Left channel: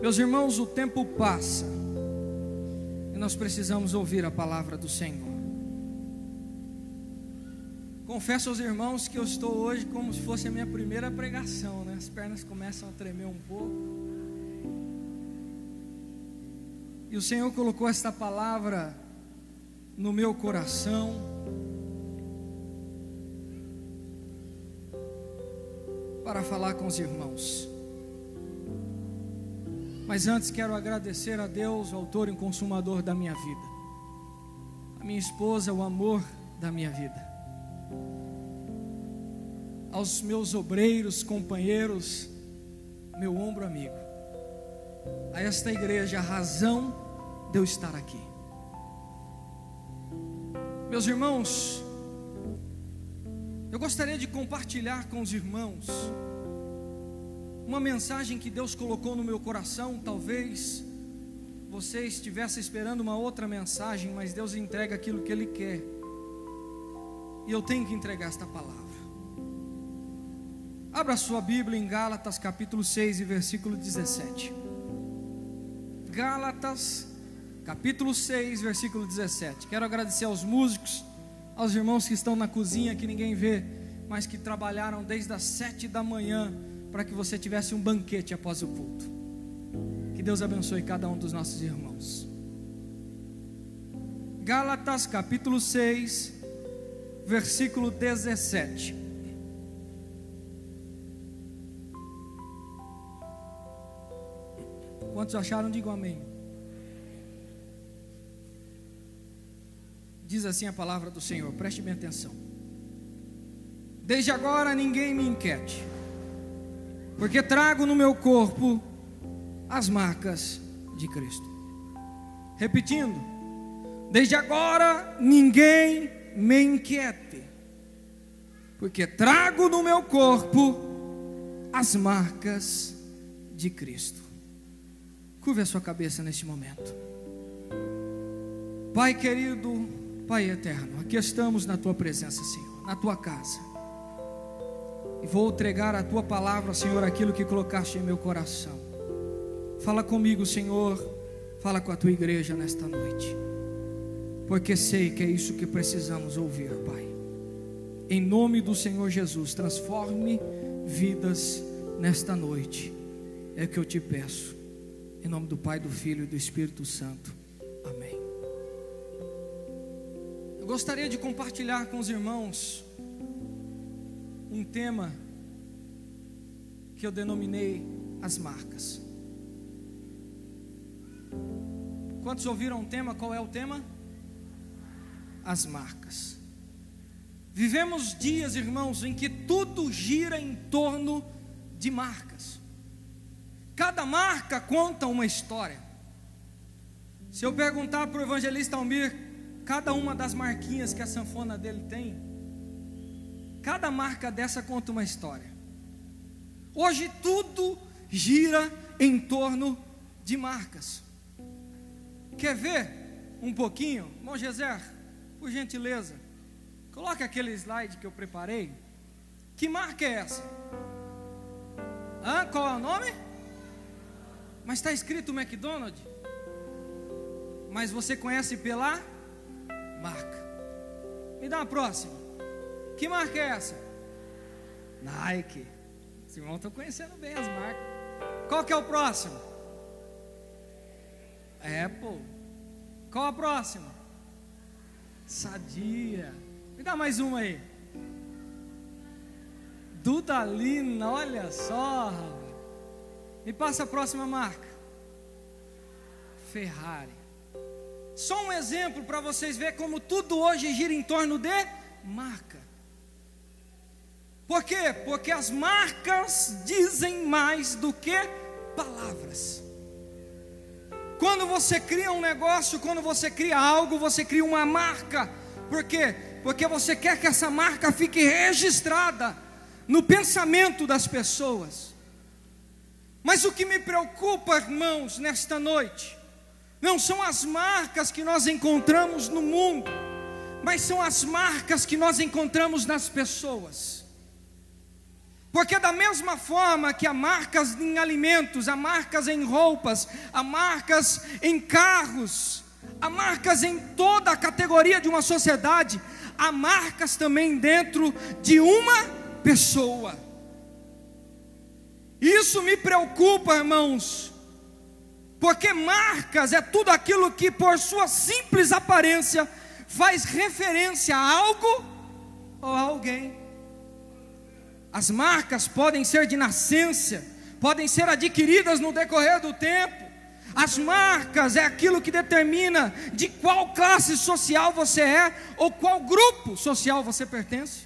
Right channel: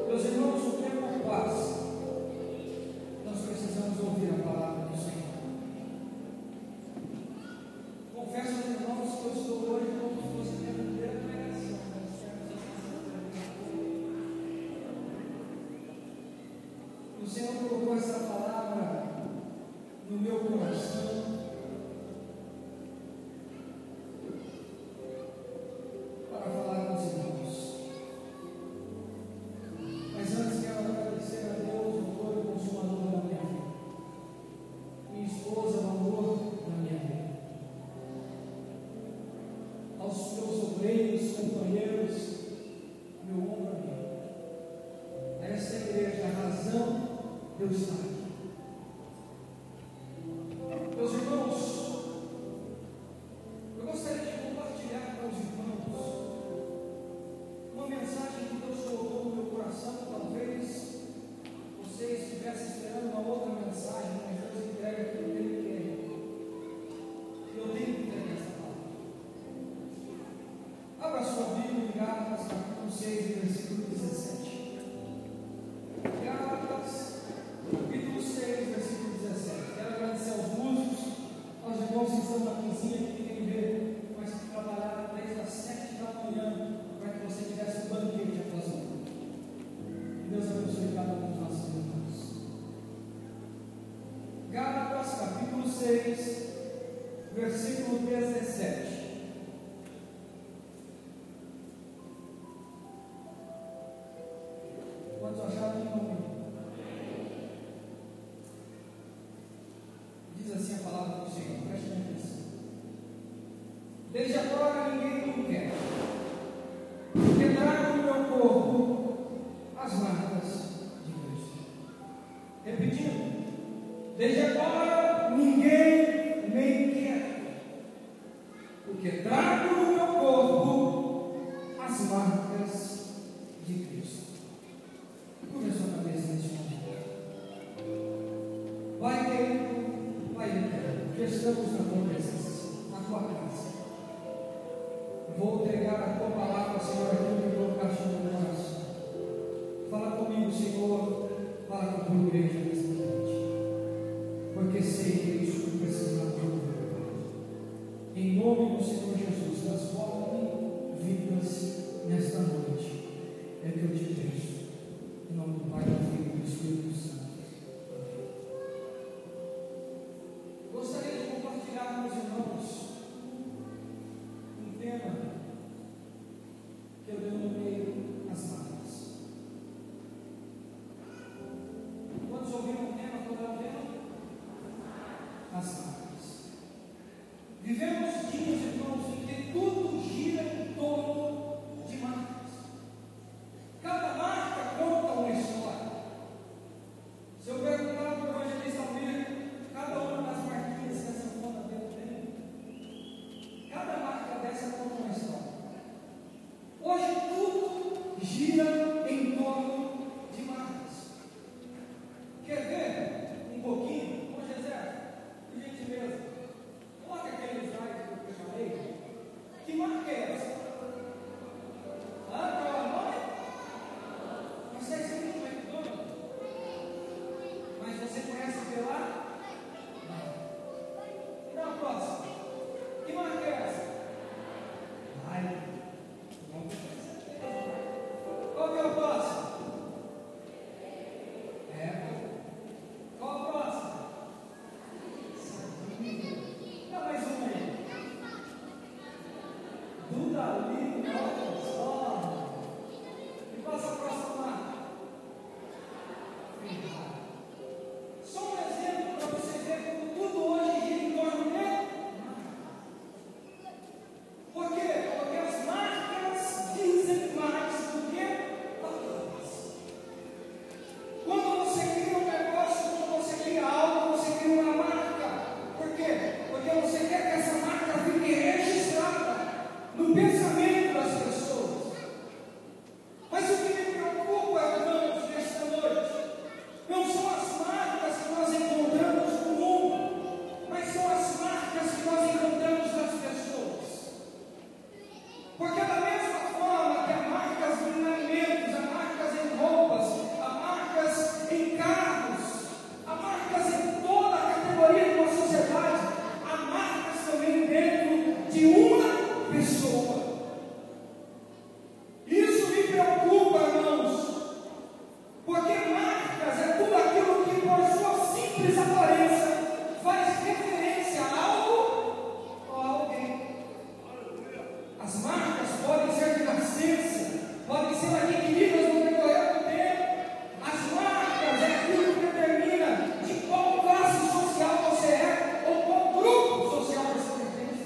Meus irmãos, o tempo passa e nós precisamos ouvir a palavra do Senhor. Confesso aos irmãos que eu estou hoje como se fosse a minha primeira pregação, né? As pernas começam a tremer um pouco. E o Senhor colocou esta palavra no meu coração para falar com os irmãos. Mas antes quero agradecer a Deus, o autor e consumador da minha vida, a minha esposa, o amor da minha vida, aos meus obreiros, companheiros, meu ombro amigo, a esta igreja, a razão de eu estar aqui. Meus irmãos, eu gostaria de compartilhar com os irmãos uma mensagem que Deus colocou no meu coração. Talvez você estivesse esperando uma outra mensagem, mas Deus entrega aquilo que Ele quer, e eu tenho que entregar esta palavra. Abra sua Bíblia em Gálatas capítulo 6 e versículo 17. Gálatas capítulo 6, versículo 17. Quero agradecer aos músicos, aos irmãos que estão na cozinha, que ninguém vê, mas que trabalharam desde as 7 da manhã para que você tivesse um banquete após o culto. Que Deus abençoe cada um dos nossos irmãos. Gálatas capítulo 6, versículo 17. Quantos acharam? Digam amém. Diz assim a palavra do Senhor, preste bem atenção. Desde agora ninguém me inquiete, porque trago no meu corpo as marcas de Cristo. Repetindo, desde agora ninguém me inquieta, porque trago no meu corpo as marcas de Cristo. Curve a sua cabeça neste momento. Pai querido, Pai eterno, aqui estamos na Tua presença, Senhor, na Tua casa, e vou entregar a Tua palavra, Senhor, aquilo que colocaste em meu coração. Fala comigo, Senhor, fala com a Tua igreja nesta noite, porque sei que é isso que precisamos ouvir, Pai. Em nome do Senhor Jesus, transforme vidas nesta noite, é o que eu te peço, em nome do Pai, do Filho e do Espírito Santo. Amém. Eu gostaria de compartilhar com os irmãos um tema que eu denominei as marcas. Quantos ouviram o tema? Qual é o tema? As marcas. Vivemos dias, irmãos, em que tudo gira em torno de marcas. Cada marca conta uma história. Se eu perguntar para o evangelista Almir cada uma das marquinhas que a sanfona dele tem, cada marca dessa conta uma história. Hoje tudo gira em torno de marcas. Quer ver um pouquinho? Bom, Geser, por gentileza, coloque aquele slide que eu preparei. Que marca é essa? Qual é o nome? Mas está escrito McDonald's. Mas você conhece pela marca. Me dá uma próxima. Que marca é essa? Nike. Esse irmão está conhecendo bem as marcas. Qual que é o próximo? Apple. Qual a próxima? Sadia. Me dá mais uma aí. Dudalina, olha só. Me passa a próxima marca. Ferrari. Só um exemplo para vocês verem como tudo hoje gira em torno de marca. Por quê? Porque as marcas dizem mais do que palavras. Quando você cria um negócio, quando você cria algo, você cria uma marca. Por quê? Porque você quer que essa marca fique registrada no pensamento das pessoas. Mas o que me preocupa, irmãos, nesta noite, não são as marcas que nós encontramos no mundo, mas são as marcas que nós encontramos nas pessoas. Porque da mesma forma que há marcas em alimentos, há marcas em roupas, há marcas em carros, há marcas em toda a categoria de uma sociedade, há marcas também dentro de uma pessoa. Isso me preocupa, irmãos, porque marcas é tudo aquilo que por sua simples aparência faz referência a algo ou a alguém. As marcas podem ser de nascença, podem ser adquiridas no decorrer do tempo. As marcas é aquilo que determina de qual classe social você é, ou qual grupo social você pertence.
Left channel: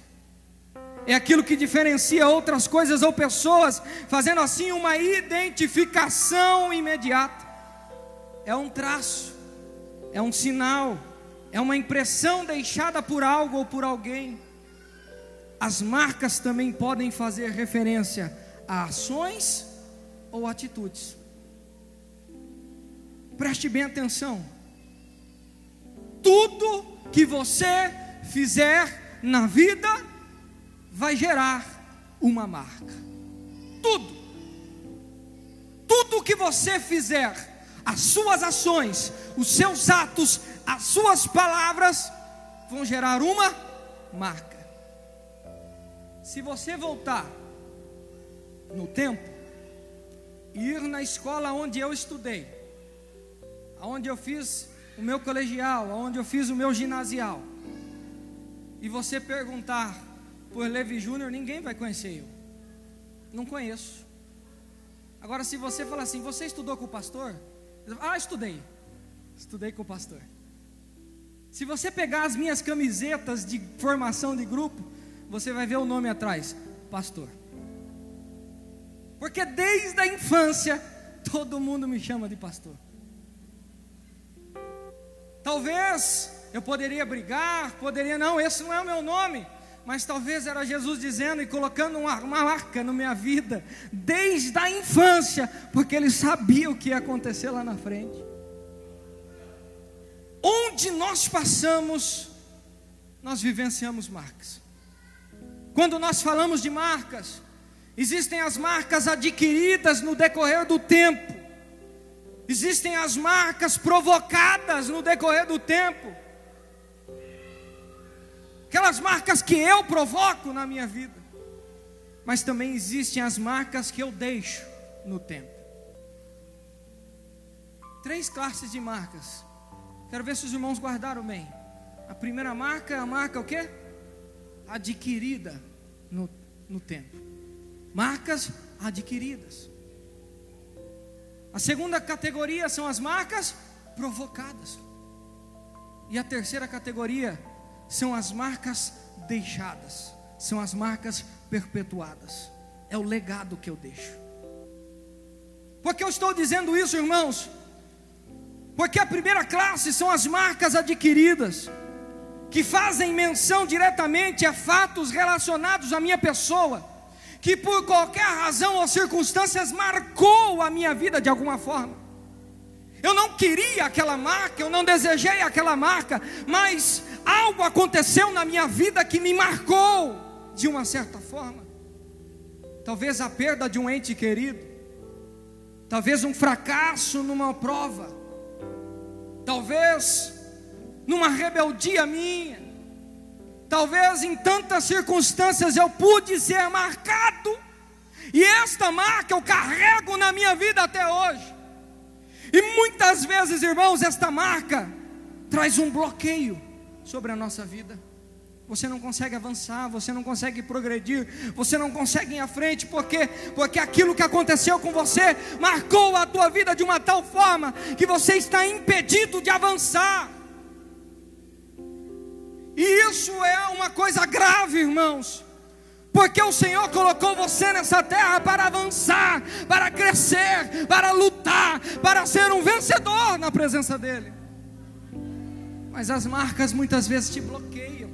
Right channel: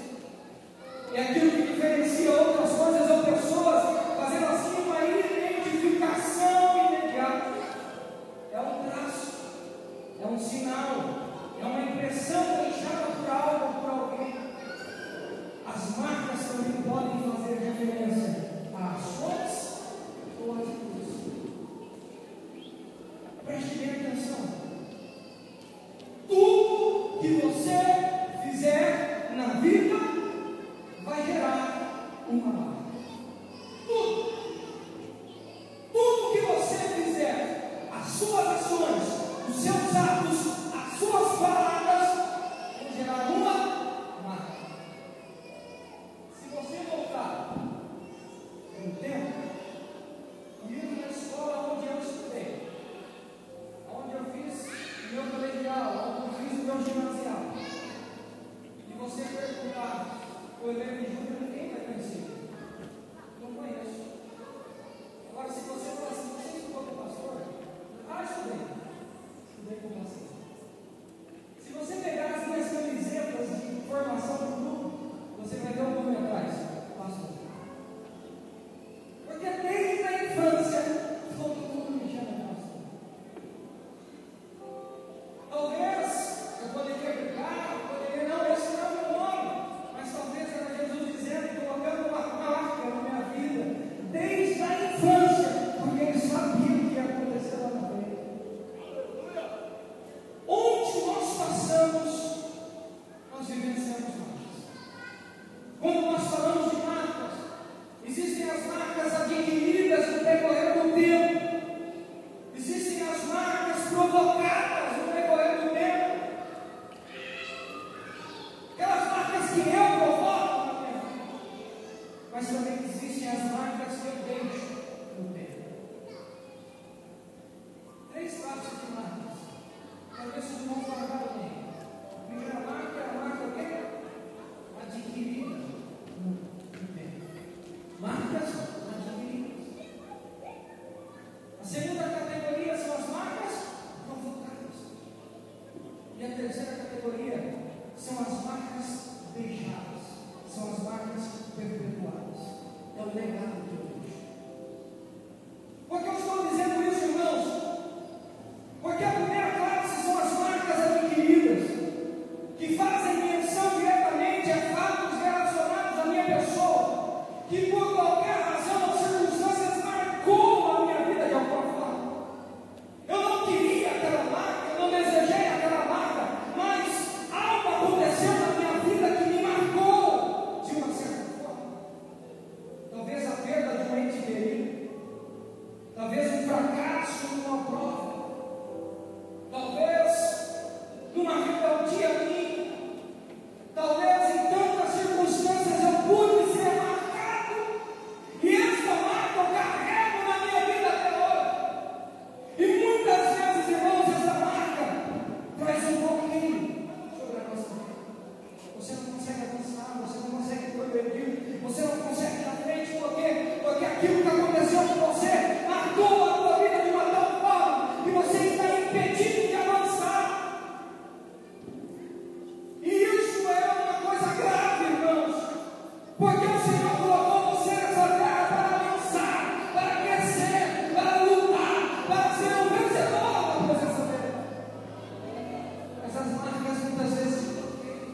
É aquilo que diferencia outras coisas ou pessoas, fazendo assim uma identificação imediata. É um traço, é um sinal, é uma impressão deixada por algo ou por alguém. As marcas também podem fazer referência a ações ou atitudes. Preste bem atenção. Tudo que você fizer na vida vai gerar uma marca. Tudo que você fizer, as suas ações, os seus atos, as suas palavras vão gerar uma marca. Se você voltar no tempo e ir na escola onde eu estudei, onde eu fiz o meu colegial, onde eu fiz o meu ginasial, e você perguntar por Levi Júnior, ninguém vai conhecer ele. Não conheço. Agora, se você falar assim, você estudou com o pastor? Ah, estudei com o pastor. Se você pegar as minhas camisetas de formação de grupo, você vai ver o nome atrás, pastor. Porque desde a infância todo mundo me chama de pastor. Talvez eu poderia brigar, não, esse não é o meu nome, mas talvez era Jesus dizendo e colocando uma marca na minha vida desde a infância, porque Ele sabia o que ia acontecer lá na frente. Onde nós passamos, nós vivenciamos marcas. Quando nós falamos de marcas, existem as marcas adquiridas no decorrer do tempo, existem as marcas provocadas no decorrer do tempo, aquelas marcas que eu provoco na minha vida, mas também existem as marcas que eu deixo no tempo. 3 classes de marcas. Quero ver se os irmãos guardaram bem. A primeira marca é a marca o quê? Adquirida no tempo. Marcas adquiridas. A segunda categoria são as marcas provocadas. E a terceira categoria são as marcas deixadas. São as marcas perpetuadas. É o legado que eu deixo. Por que eu estou dizendo isso, irmãos? Porque a primeira classe são as marcas adquiridas, que fazem menção diretamente a fatos relacionados à minha pessoa, que por qualquer razão ou circunstâncias marcou a minha vida de alguma forma. Eu não queria aquela marca, eu não desejei aquela marca, mas algo aconteceu na minha vida que me marcou de uma certa forma. Talvez a perda de um ente querido, talvez um fracasso numa prova, talvez numa rebeldia minha, talvez em tantas circunstâncias eu pude ser marcado, e esta marca eu carrego na minha vida até hoje. E muitas vezes, irmãos, esta marca traz um bloqueio sobre a nossa vida. Você não consegue avançar, você não consegue progredir, você não consegue ir à frente, porque aquilo que aconteceu com você marcou a tua vida de uma tal forma que você está impedido de avançar. E isso é uma coisa grave, irmãos, porque o Senhor colocou você nessa terra para avançar, para crescer, para lutar, para ser um vencedor na presença dEle. Mas as marcas muitas vezes te bloqueiam.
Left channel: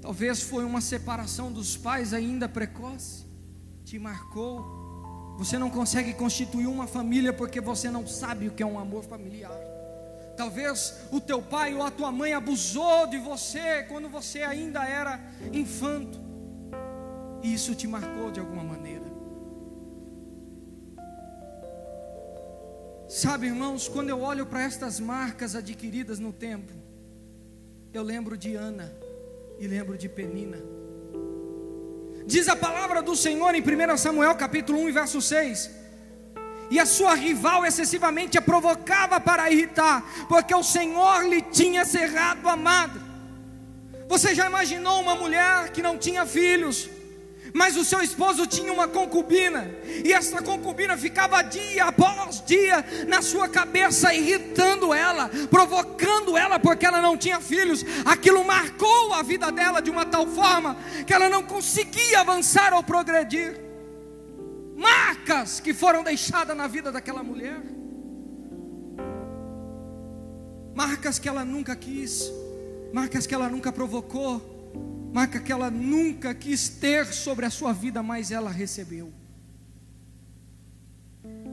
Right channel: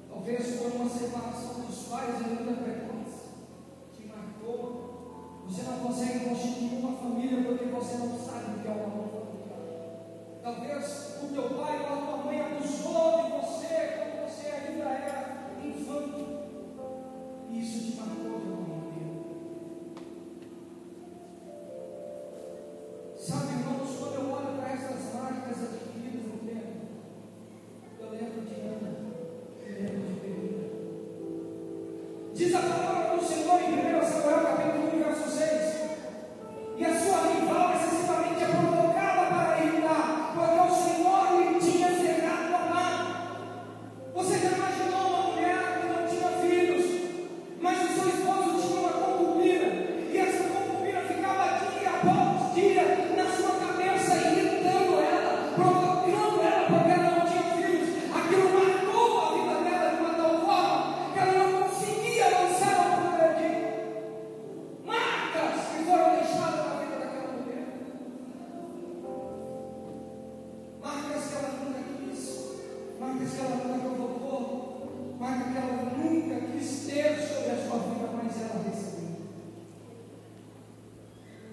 Talvez foi uma separação dos pais ainda precoce, te marcou. Você não consegue constituir uma família porque você não sabe o que é um amor familiar. Talvez o teu pai ou a tua mãe abusou de você quando você ainda era infanto. e isso te marcou de alguma maneira. Sabe, irmãos, quando eu olho para estas marcas adquiridas no tempo, eu lembro de Ana e lembro de Penina. Diz a palavra do Senhor em 1 Samuel capítulo 1 verso 6: e a sua rival excessivamente a provocava para irritar, porque o Senhor lhe tinha cerrado a mão. Você já imaginou uma mulher que não tinha filhos, mas o seu esposo tinha uma concubina, e essa concubina ficava dia após dia na sua cabeça, irritando ela, provocando ela, porque ela não tinha filhos? Aquilo marcou a vida dela de uma tal forma que ela não conseguia avançar ou progredir. Marcas que foram deixadas na vida daquela mulher, marcas que ela nunca quis, marcas que ela nunca provocou, marca que ela nunca quis ter sobre a sua vida, mas ela recebeu.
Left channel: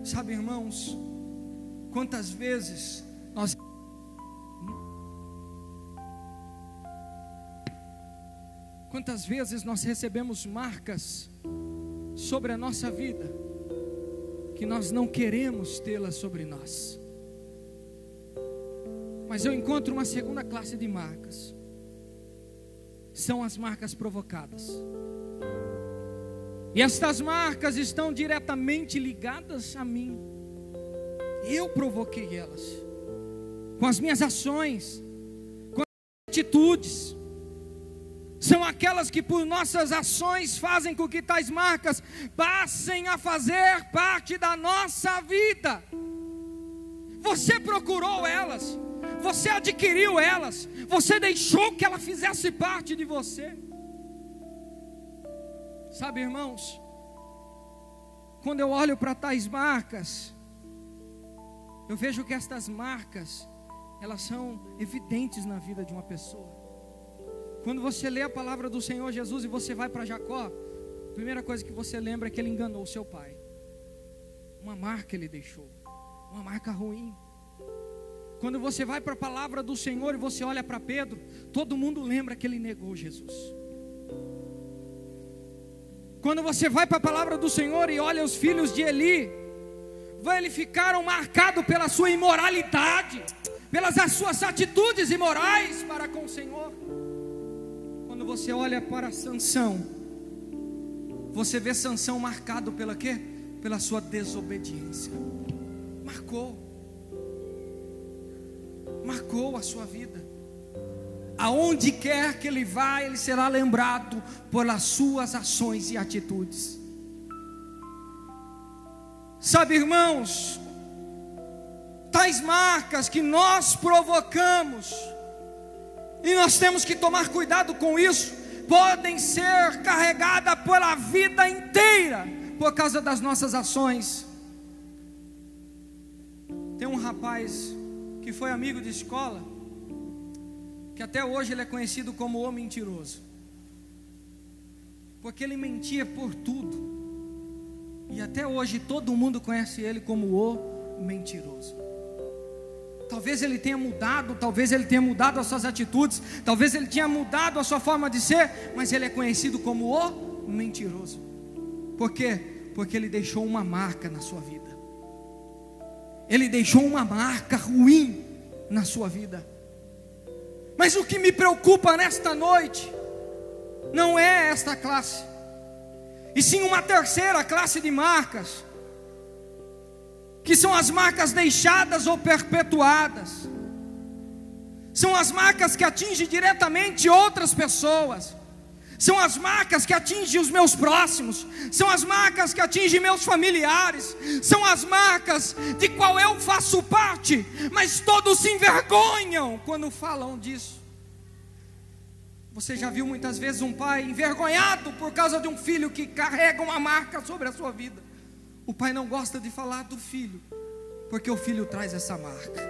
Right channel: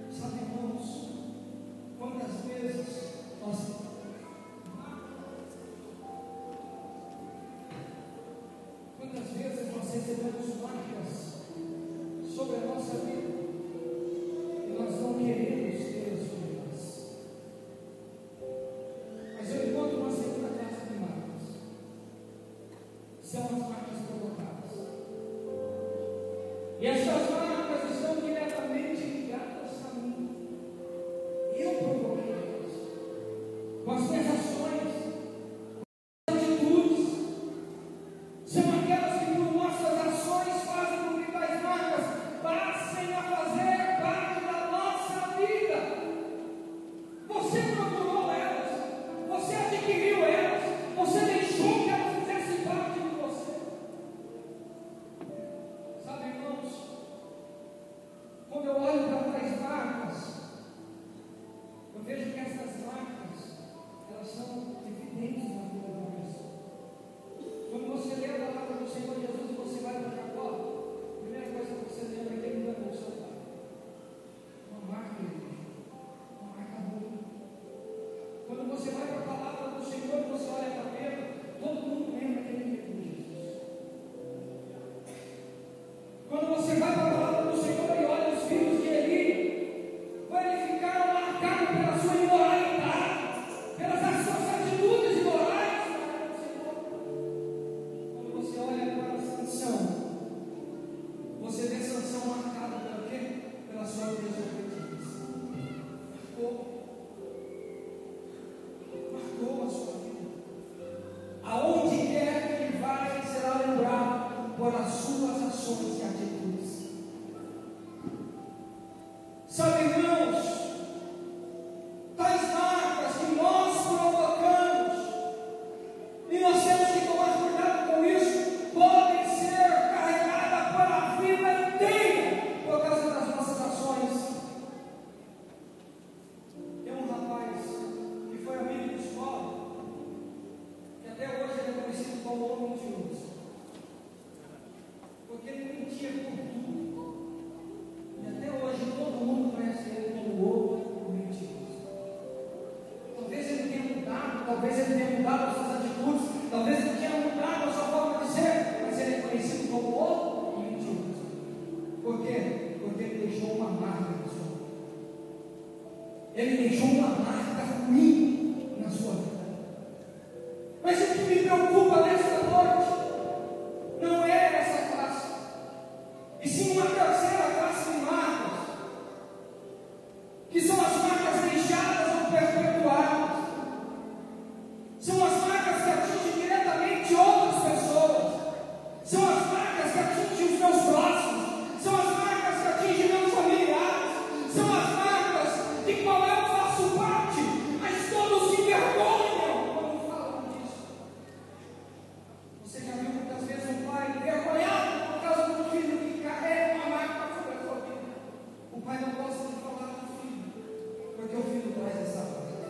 Sabe, irmãos, quantas vezes nós recebemos marcas sobre a nossa vida, que nós não queremos tê-las sobre nós. Mas eu encontro uma segunda classe de marcas, são as marcas provocadas. E estas marcas estão diretamente ligadas a mim. Eu provoquei elas, com as minhas ações, com as atitudes. São aquelas que por nossas ações fazem com que tais marcas passem a fazer parte da nossa vida. Você procurou elas, você adquiriu elas, você deixou que ela fizesse parte de você. Sabe, irmãos, quando eu olho para tais marcas, eu vejo que estas marcas, elas são evidentes na vida de uma pessoa. Quando você lê a palavra do Senhor Jesus e você vai para Jacó, a primeira coisa que você lembra é que ele enganou o seu pai. Uma marca ele deixou, uma marca ruim. Quando você vai para a palavra do Senhor e você olha para Pedro, todo mundo lembra que ele negou Jesus. Quando você vai para a palavra do Senhor e olha os filhos de Eli, eles ficaram marcados pela sua imoralidade, pelas suas atitudes imorais para com o Senhor. Quando você olha para Sansão, você vê Sansão marcado pela quê? Pela sua desobediência. Marcou a sua vida. Aonde quer que ele vá, ele será lembrado pelas suas ações e atitudes. Sabe, irmãos, tais marcas que nós provocamos, e nós temos que tomar cuidado com isso, podem ser carregadas pela vida inteira, por causa das nossas ações. Tem um rapaz que foi amigo de escola, que até hoje ele é conhecido como o mentiroso, porque ele mentia por tudo, e até hoje todo mundo conhece ele como o mentiroso. Talvez ele tenha mudado, talvez ele tenha mudado as suas atitudes, talvez ele tenha mudado a sua forma de ser, mas ele é conhecido como o mentiroso. Por quê? Porque ele deixou uma marca na sua vida. Ele deixou uma marca ruim na sua vida. Mas o que me preocupa nesta noite não é esta classe, e sim uma terceira classe de marcas, que são as marcas deixadas ou perpetuadas. São as marcas que atingem diretamente outras pessoas, são as marcas que atingem os meus próximos, são as marcas que atingem meus familiares, são as marcas de qual eu faço parte, mas todos se envergonham quando falam disso. Você já viu muitas vezes um pai envergonhado por causa de um filho que carrega uma marca sobre a sua vida? O pai não gosta de falar do filho, porque o filho traz essa marca.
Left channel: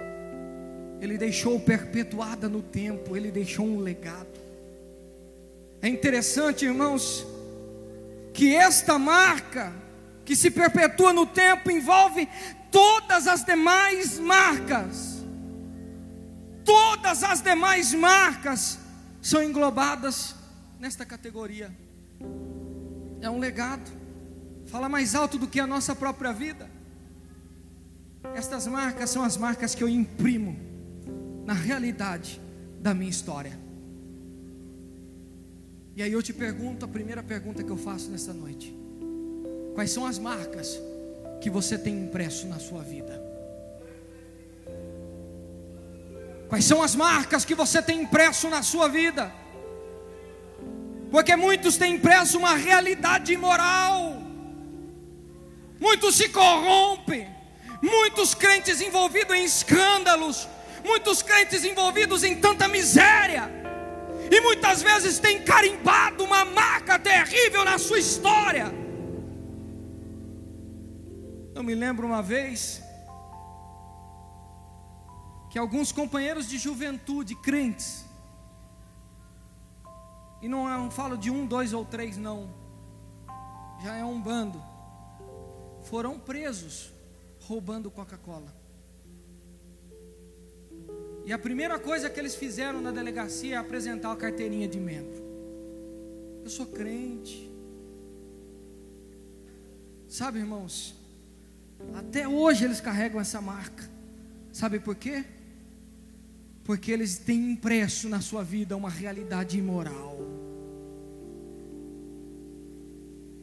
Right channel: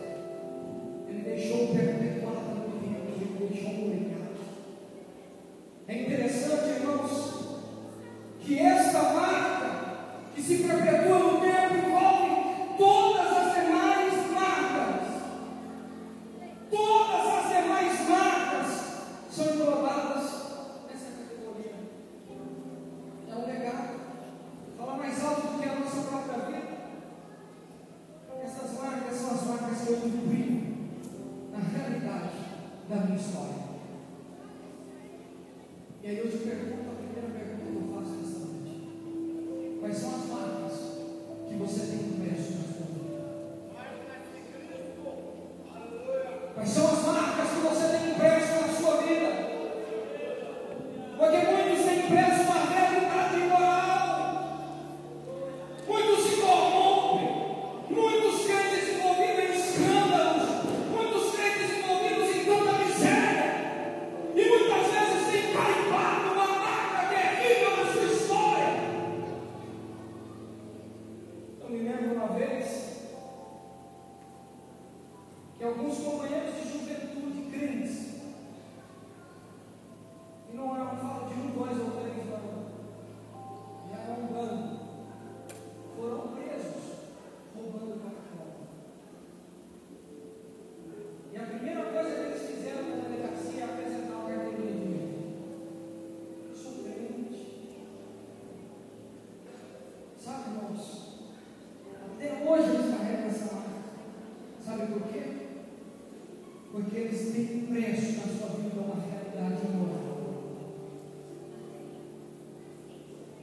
Ele deixou perpetuada no tempo, ele deixou um legado. É interessante, irmãos, que esta marca que se perpetua no tempo envolve todas as demais marcas. Todas as demais marcas são englobadas nesta categoria. é um legado, fala mais alto do que a nossa própria vida. Estas marcas são as marcas que eu imprimo na realidade da minha história. E aí eu te pergunto, a primeira pergunta que eu faço nesta noite: quais são as marcas que você tem impresso na sua vida? Quais são as marcas que você tem impresso na sua vida? Porque muitos têm impresso uma realidade imoral, muitos se corrompem, muitos crentes envolvidos em escândalos, muitos crentes envolvidos em tanta miséria, e muitas vezes tem carimbado uma marca terrível na sua história. Eu me lembro uma vez que alguns companheiros de juventude, crentes, e não falo de 1, 2 ou 3 não, já é um bando, foram presos roubando Coca-Cola. E a primeira coisa que eles fizeram na delegacia é apresentar a carteirinha de membro. Eu sou crente. Sabe, irmãos, até hoje eles carregam essa marca. Sabe por quê? Porque eles têm impresso na sua vida uma realidade imoral.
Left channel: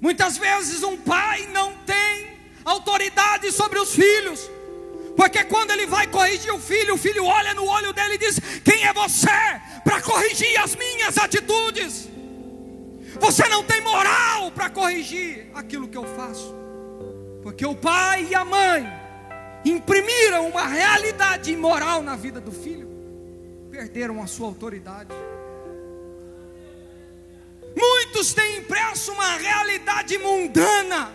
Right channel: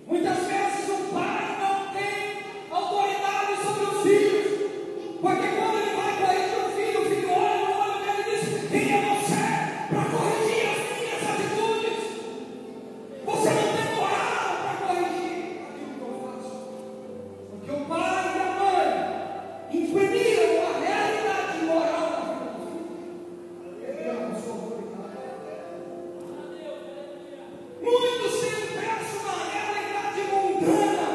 Muitas vezes um pai não tem autoridade sobre os filhos, porque quando ele vai corrigir o filho olha no olho dele e diz: quem é você para corrigir as minhas atitudes? Você não tem moral para corrigir aquilo que eu faço. Porque o pai e a mãe imprimiram uma realidade imoral na vida do filho, perderam a sua autoridade. Muitos têm impresso uma realidade mundana.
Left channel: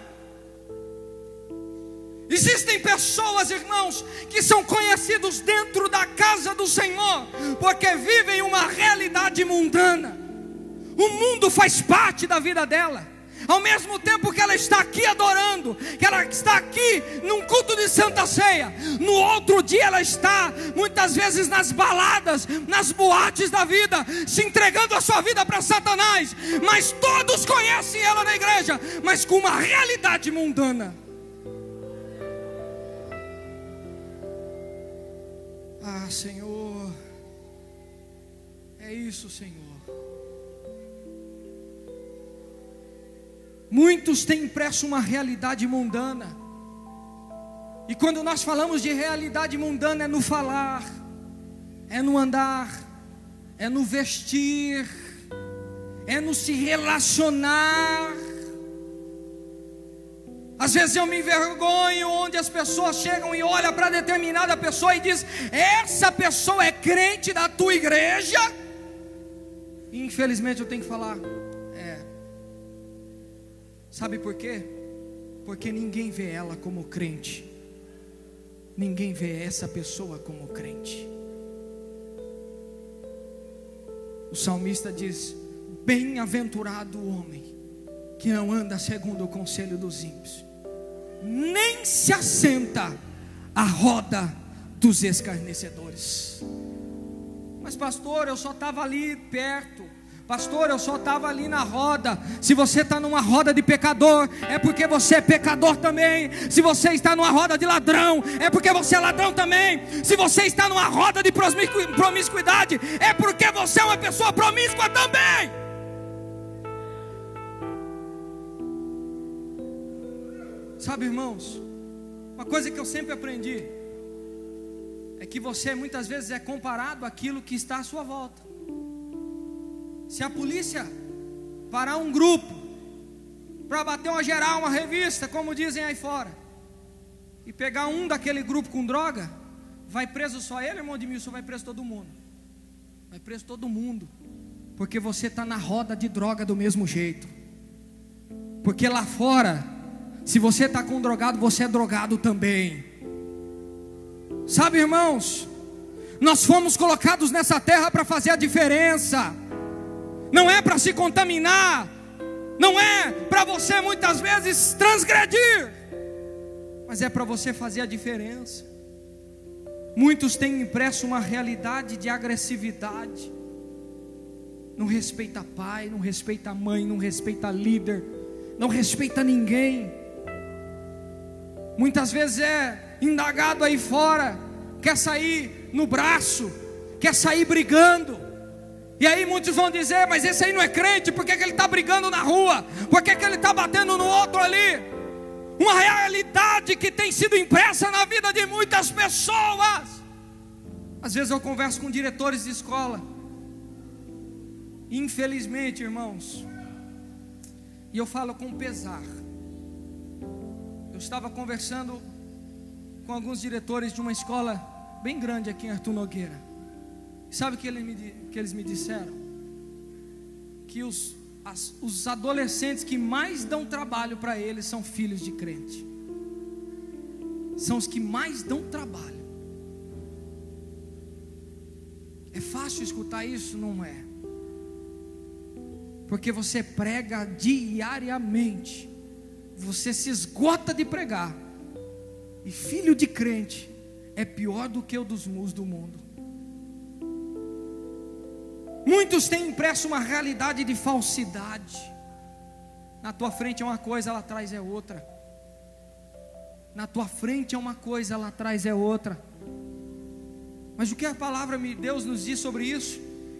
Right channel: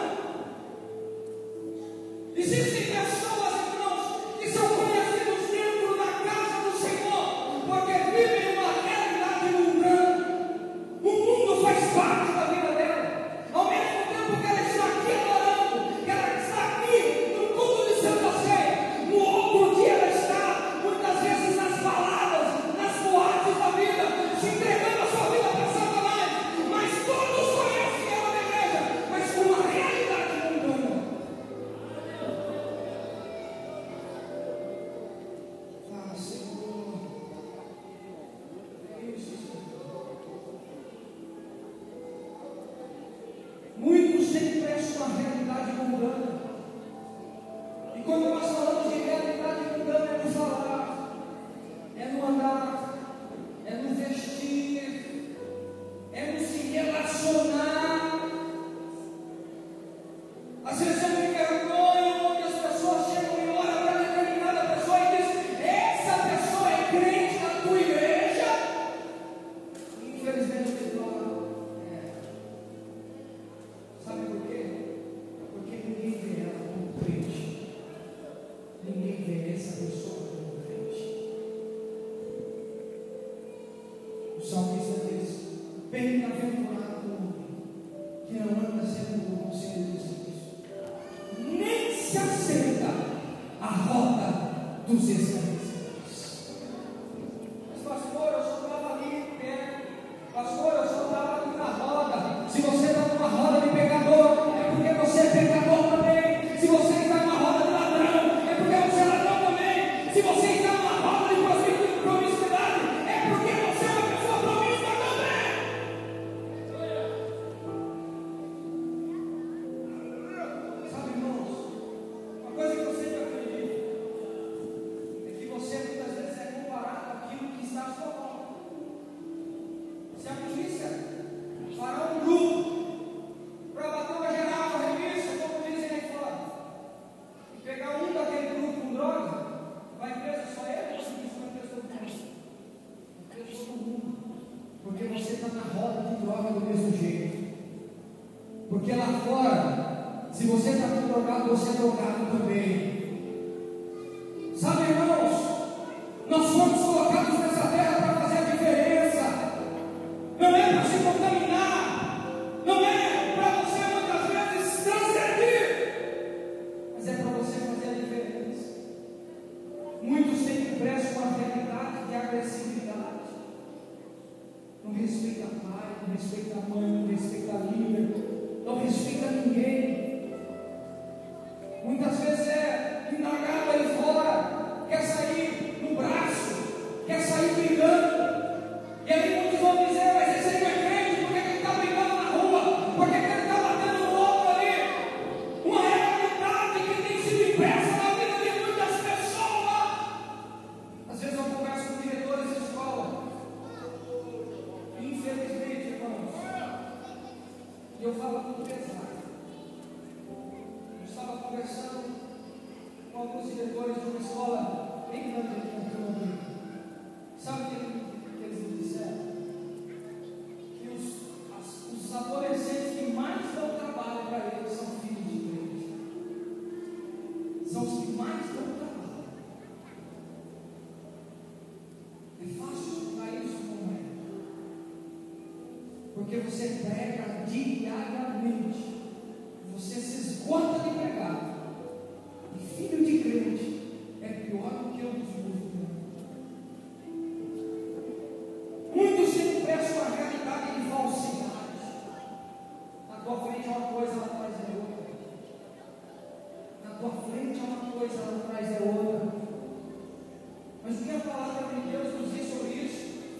Existem pessoas, irmãos, que são conhecidos dentro da casa do Senhor, porque vivem uma realidade mundana. O mundo faz parte da vida dela. Ao mesmo tempo que ela está aqui adorando, que ela está aqui num culto de Santa Ceia, no outro dia ela está muitas vezes nas baladas, nas boates da vida, se entregando a sua vida para Satanás. Mas todos conhecem ela na igreja, mas com uma realidade mundana. Ah, Senhor, é isso, Senhor. Muitos têm impresso uma realidade mundana. E quando nós falamos de realidade mundana, é no falar, é no andar, é no vestir, é no se relacionar. Às vezes eu me envergonho onde as pessoas chegam e olham para determinada pessoa e diz: essa pessoa é crente da tua igreja? E infelizmente eu tenho que falar: sabe por quê? Porque ninguém vê ela como crente, ninguém vê essa pessoa como crente. O salmista diz: bem-aventurado o homem que não anda segundo o conselho dos ímpios, nem se assenta à roda dos escarnecedores. Mas pastor, eu só estava ali perto. Pastor, eu só estava ali na roda. Se você está numa roda de pecador, é porque você é pecador também. Se você está numa roda de ladrão, é porque você é ladrão também. Se você está numa roda de promiscuidade, é porque você é uma pessoa promíscua também. Sabe, irmãos, uma coisa que eu sempre aprendi é que você muitas vezes é comparado àquilo que está à sua volta. Se a polícia parar um grupo para bater uma geral, uma revista, como dizem aí fora, e pegar um daquele grupo com droga, vai preso só ele, irmão de mim? Só vai preso todo mundo. Vai preso todo mundo, porque você está na roda de droga do mesmo jeito. Porque lá fora, se você está com drogado, você é drogado também. Sabe, irmãos, nós fomos colocados nessa terra para fazer a diferença. Não é para se contaminar, não é para você muitas vezes transgredir, mas é para você fazer a diferença. Muitos têm impresso uma realidade de agressividade, não respeita pai, não respeita mãe, não respeita líder, não respeita ninguém, muitas vezes é indagado aí fora, quer sair no braço, quer sair brigando. E aí muitos vão dizer: mas esse aí não é crente, por que ele está brigando na rua? Por que ele está batendo no outro ali? Uma realidade que tem sido impressa na vida de muitas pessoas. Às vezes eu converso com diretores de escola, infelizmente, irmãos, e eu falo com pesar. Eu estava conversando com alguns diretores de uma escola bem grande aqui em Arthur Nogueira. Sabe o que eles me disseram? Que os adolescentes que mais dão trabalho para eles são filhos de crente. São os que mais dão trabalho. É fácil escutar isso? Não é. Porque você prega diariamente, você se esgota de pregar, e filho de crente é pior do que o dos mus do mundo. Muitos têm impresso uma realidade de falsidade. Na tua frente é uma coisa, lá atrás é outra. Na tua frente é uma coisa, lá atrás é outra. Mas o que a palavra de Deus nos diz sobre isso?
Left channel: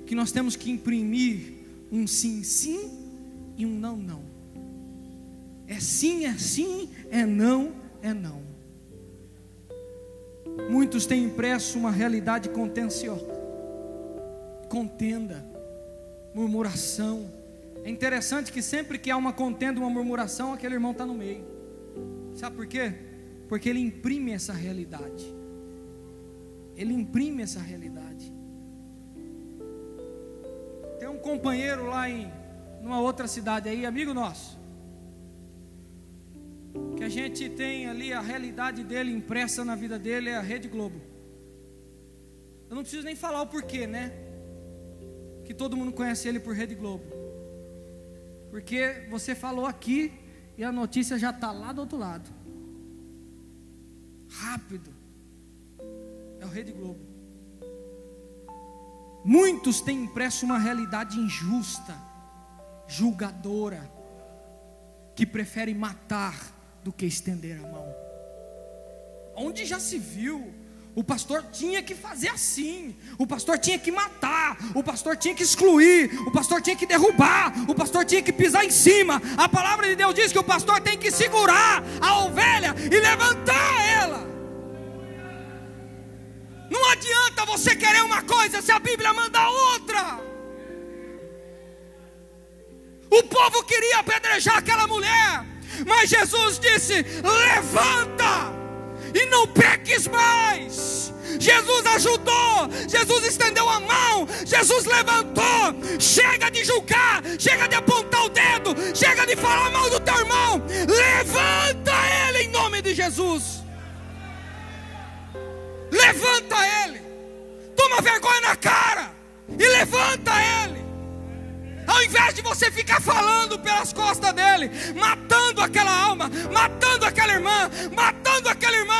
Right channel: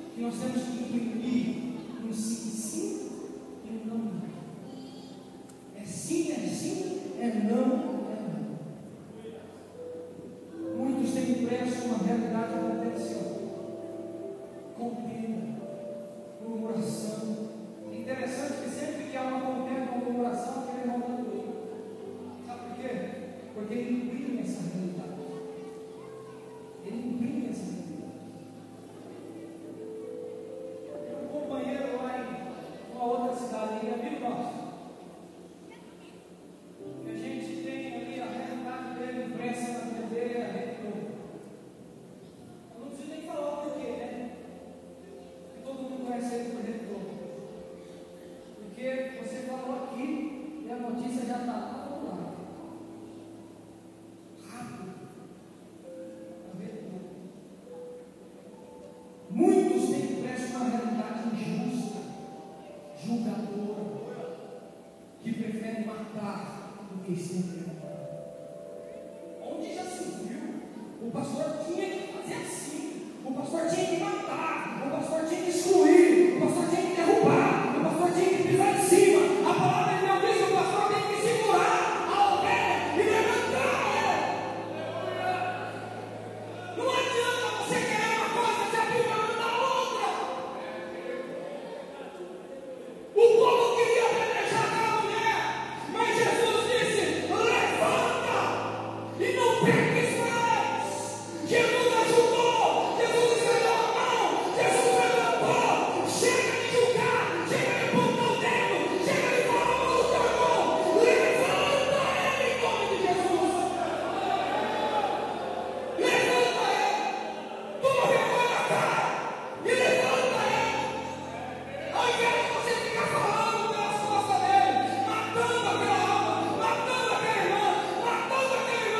Que nós temos que imprimir um sim, sim e um não, não. É sim, é não, é não. Muitos têm impresso uma realidade contenciosa, contenda, murmuração. É interessante que sempre que há uma contenda, uma murmuração, aquele irmão está no meio. Sabe por quê? Porque ele imprime essa realidade. Ele imprime essa realidade. Tem um companheiro lá em uma outra cidade aí, amigo nosso, que a gente tem ali a realidade dele impressa na vida dele, é a Rede Globo. Eu não preciso nem falar o porquê, né? Que todo mundo conhece ele por Rede Globo. Porque você falou aqui e a notícia já está lá do outro lado. Rápido. É o Rede Globo. Muitos têm impresso uma realidade injusta, julgadora, que preferem matar do que estender a mão. Onde já se viu? O pastor tinha que fazer assim, o pastor tinha que matar, o pastor tinha que excluir, o pastor tinha que derrubar, o pastor tinha que pisar em cima. A palavra de Deus diz que o pastor tem que segurar a ovelha e levantar ela. Não adianta você querer uma coisa se a Bíblia manda outra. O povo queria apedrejar aquela mulher, mas Jesus disse: levanta e não peques mais. Jesus ajudou, Jesus estendeu a mão, Jesus levantou. Chega de julgar, chega de apontar o dedo, chega de falar mal do teu irmão. Levanta ele em nome de Jesus. Levanta ele, toma vergonha na cara e levanta ele. Ao invés de você ficar falando pelas costas dele, matando aquela alma, matando aquela irmã, matando aquele irmão.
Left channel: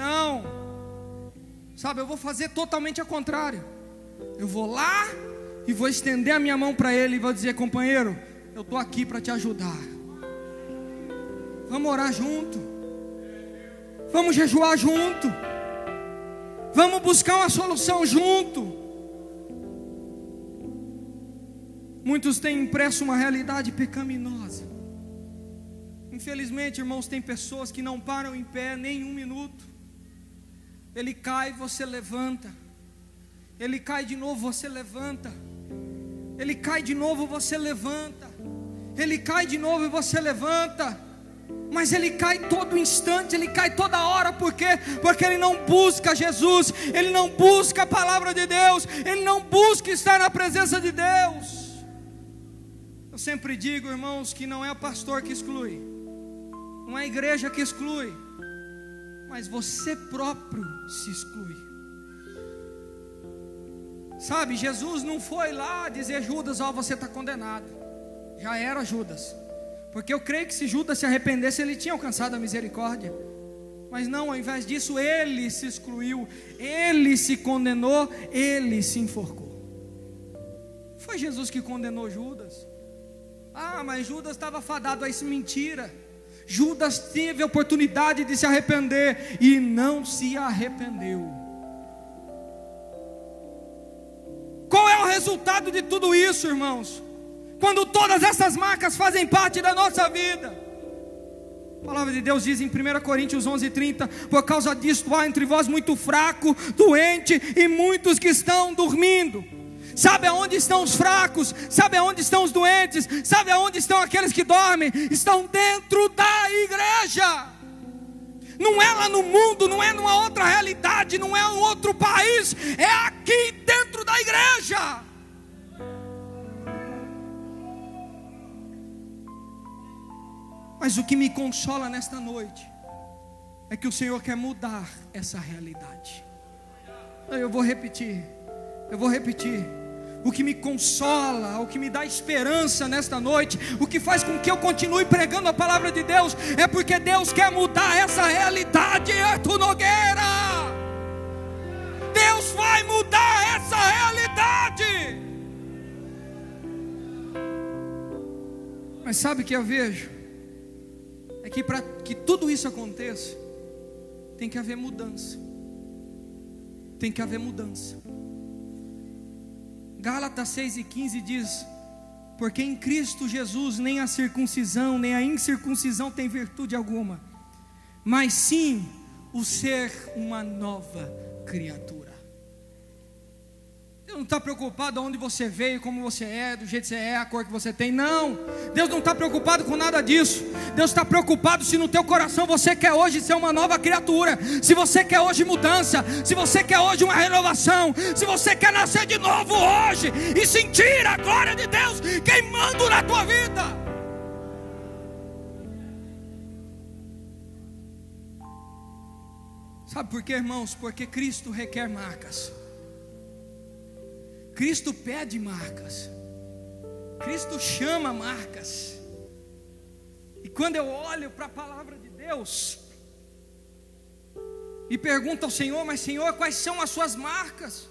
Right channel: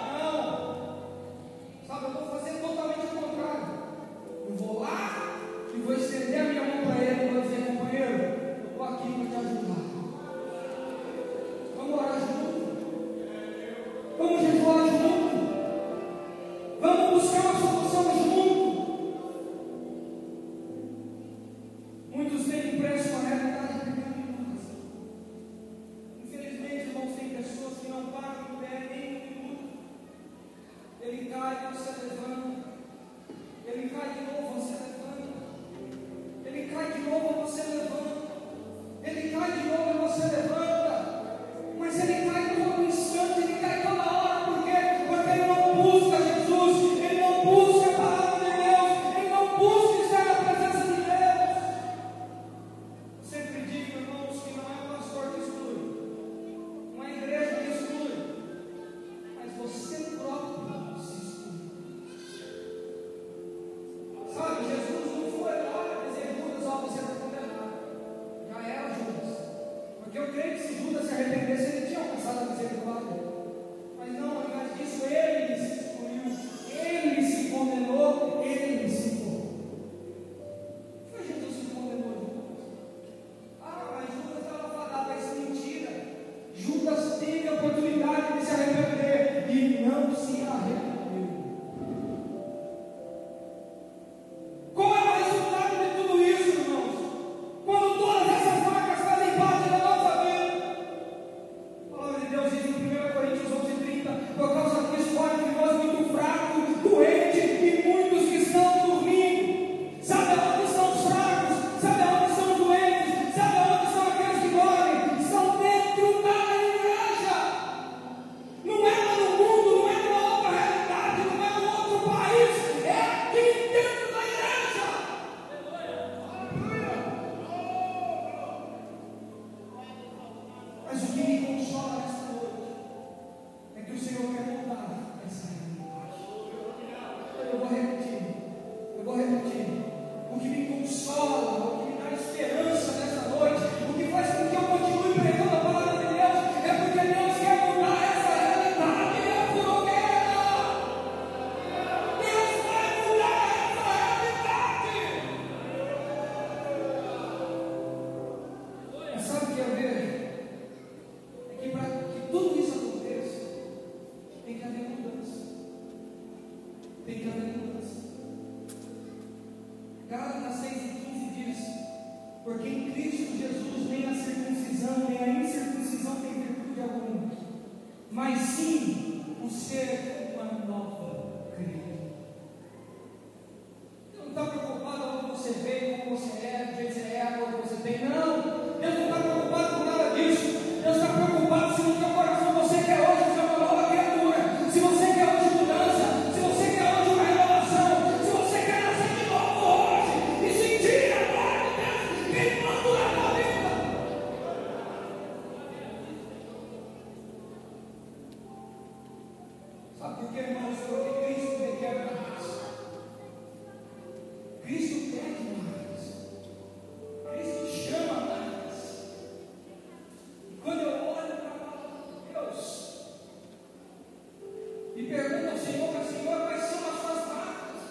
Não, sabe, eu vou fazer totalmente ao contrário. Eu vou lá e vou estender a minha mão para ele e vou dizer: companheiro, eu estou aqui para te ajudar. Vamos orar junto, vamos jejuar junto, vamos buscar uma solução junto. Muitos têm impresso uma realidade pecaminosa. Infelizmente, irmãos, tem pessoas que não param em pé nem um minuto. Ele cai, você levanta. Ele cai de novo, você levanta. Ele cai de novo, você levanta. Ele cai de novo e você levanta. Mas ele cai todo instante, ele cai toda hora. Por quê? Porque ele não busca Jesus, ele não busca a palavra de Deus, ele não busca estar na presença de Deus. Eu sempre digo, irmãos, que não é o pastor que exclui, não é a igreja que exclui, mas você próprio se exclui. Sabe, Jesus não foi lá dizer: Judas, ó, você está condenado. Já era Judas, porque eu creio que se Judas se arrependesse, ele tinha alcançado a misericórdia. Mas não, ao invés disso, ele se excluiu, ele se condenou, ele se enforcou. Foi Jesus que condenou Judas. Mas Judas estava fadado a isso, mentira. Judas teve a oportunidade de se arrepender e não se arrependeu. Qual é o resultado de tudo isso, irmãos? Quando todas essas marcas fazem parte da nossa vida. A palavra de Deus diz em 1 Coríntios 11:30: por causa disso há entre vós muito fraco, doente e muitos que estão dormindo. Sabe aonde estão os fracos? Sabe aonde estão os doentes? Sabe aonde estão aqueles que dormem? Estão dentro da igreja. Não é lá no mundo, não é numa outra realidade, não é um outro país, é aqui dentro da igreja. Mas o que me consola nesta noite é que o Senhor quer mudar essa realidade. Eu vou repetir. O que me consola, o que me dá esperança nesta noite, o que faz com que eu continue pregando a palavra de Deus, é porque Deus quer mudar essa realidade. Arthur Nogueira, Deus vai mudar essa realidade. Mas sabe o que eu vejo? É que para que tudo isso aconteça, tem que haver mudança. Tem que haver mudança. Gálatas 6:15 diz: porque em Cristo Jesus nem a circuncisão nem a incircuncisão tem virtude alguma, mas sim o ser uma nova criatura. Deus não está preocupado onde você veio, como você é, do jeito que você é, a cor que você tem. Não, Deus não está preocupado com nada disso. Deus está preocupado se no teu coração você quer hoje ser uma nova criatura, se você quer hoje mudança, se você quer hoje uma renovação, se você quer nascer de novo hoje e sentir a glória de Deus queimando na tua vida. Sabe por quê, irmãos? Porque Cristo requer marcas. Cristo pede marcas. Cristo chama marcas. E quando eu olho para a palavra de Deus e pergunto ao Senhor: mas Senhor, quais são as suas marcas?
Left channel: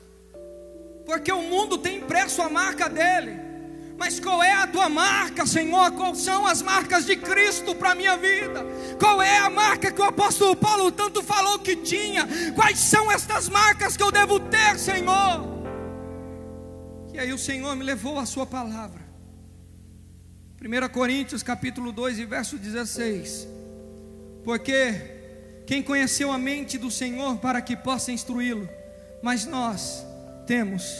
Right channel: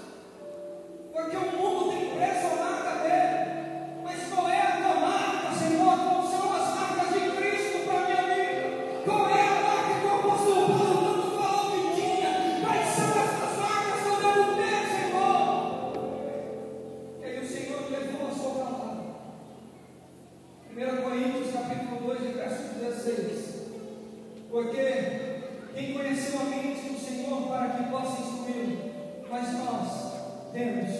Porque o mundo tem impresso a marca dele. Mas qual é a tua marca, Senhor? Quais são as marcas de Cristo para a minha vida? Qual é a marca que o apóstolo Paulo tanto falou que tinha? Quais são estas marcas que eu devo ter, Senhor? E aí o Senhor me levou à sua palavra. 1 Coríntios capítulo 2 e verso 16: porque quem conheceu a mente do Senhor para que possa instruí-lo? Mas nós temos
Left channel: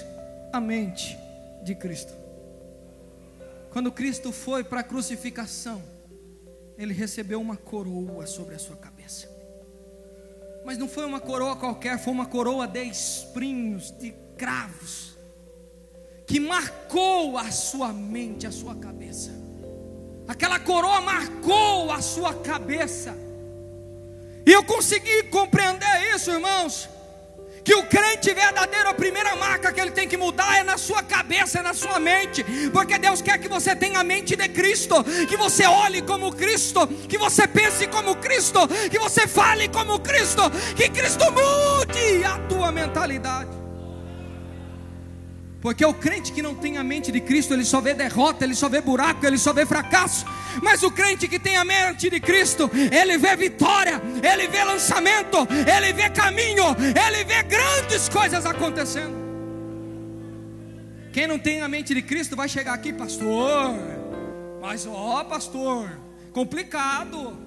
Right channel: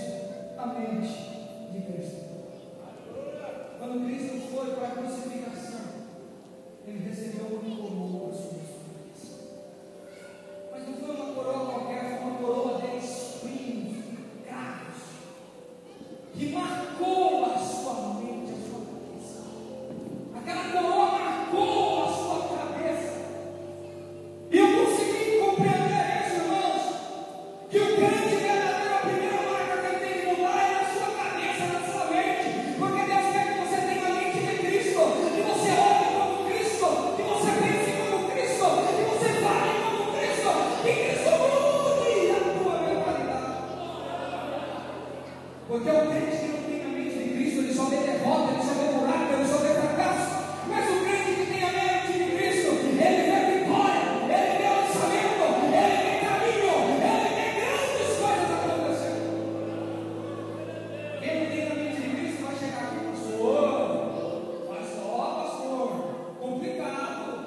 a mente de Cristo. Quando Cristo foi para a crucificação, Ele recebeu uma coroa sobre a sua cabeça. Mas não foi uma coroa qualquer, foi uma coroa de espinhos, de cravos, que marcou a sua mente, a sua cabeça. Aquela coroa marcou a sua cabeça. E eu consegui compreender isso, irmãos, que o crente verdadeiro, a primeira marca que ele tem que mudar é na sua cabeça, é na sua mente. Porque Deus quer que você tenha a mente de Cristo, que você olhe como Cristo, que você pense como Cristo, que você fale como Cristo, que Cristo mude a tua mentalidade. Porque o crente que não tem a mente de Cristo, ele só vê derrota, ele só vê buraco, ele só vê fracasso. Mas o crente que tem a mente de Cristo, ele vê vitória, ele vê lançamento, ele vê caminho, ele vê grandes coisas acontecendo. Quem não tem a mente de Cristo vai chegar aqui: pastor, mas pastor, complicado.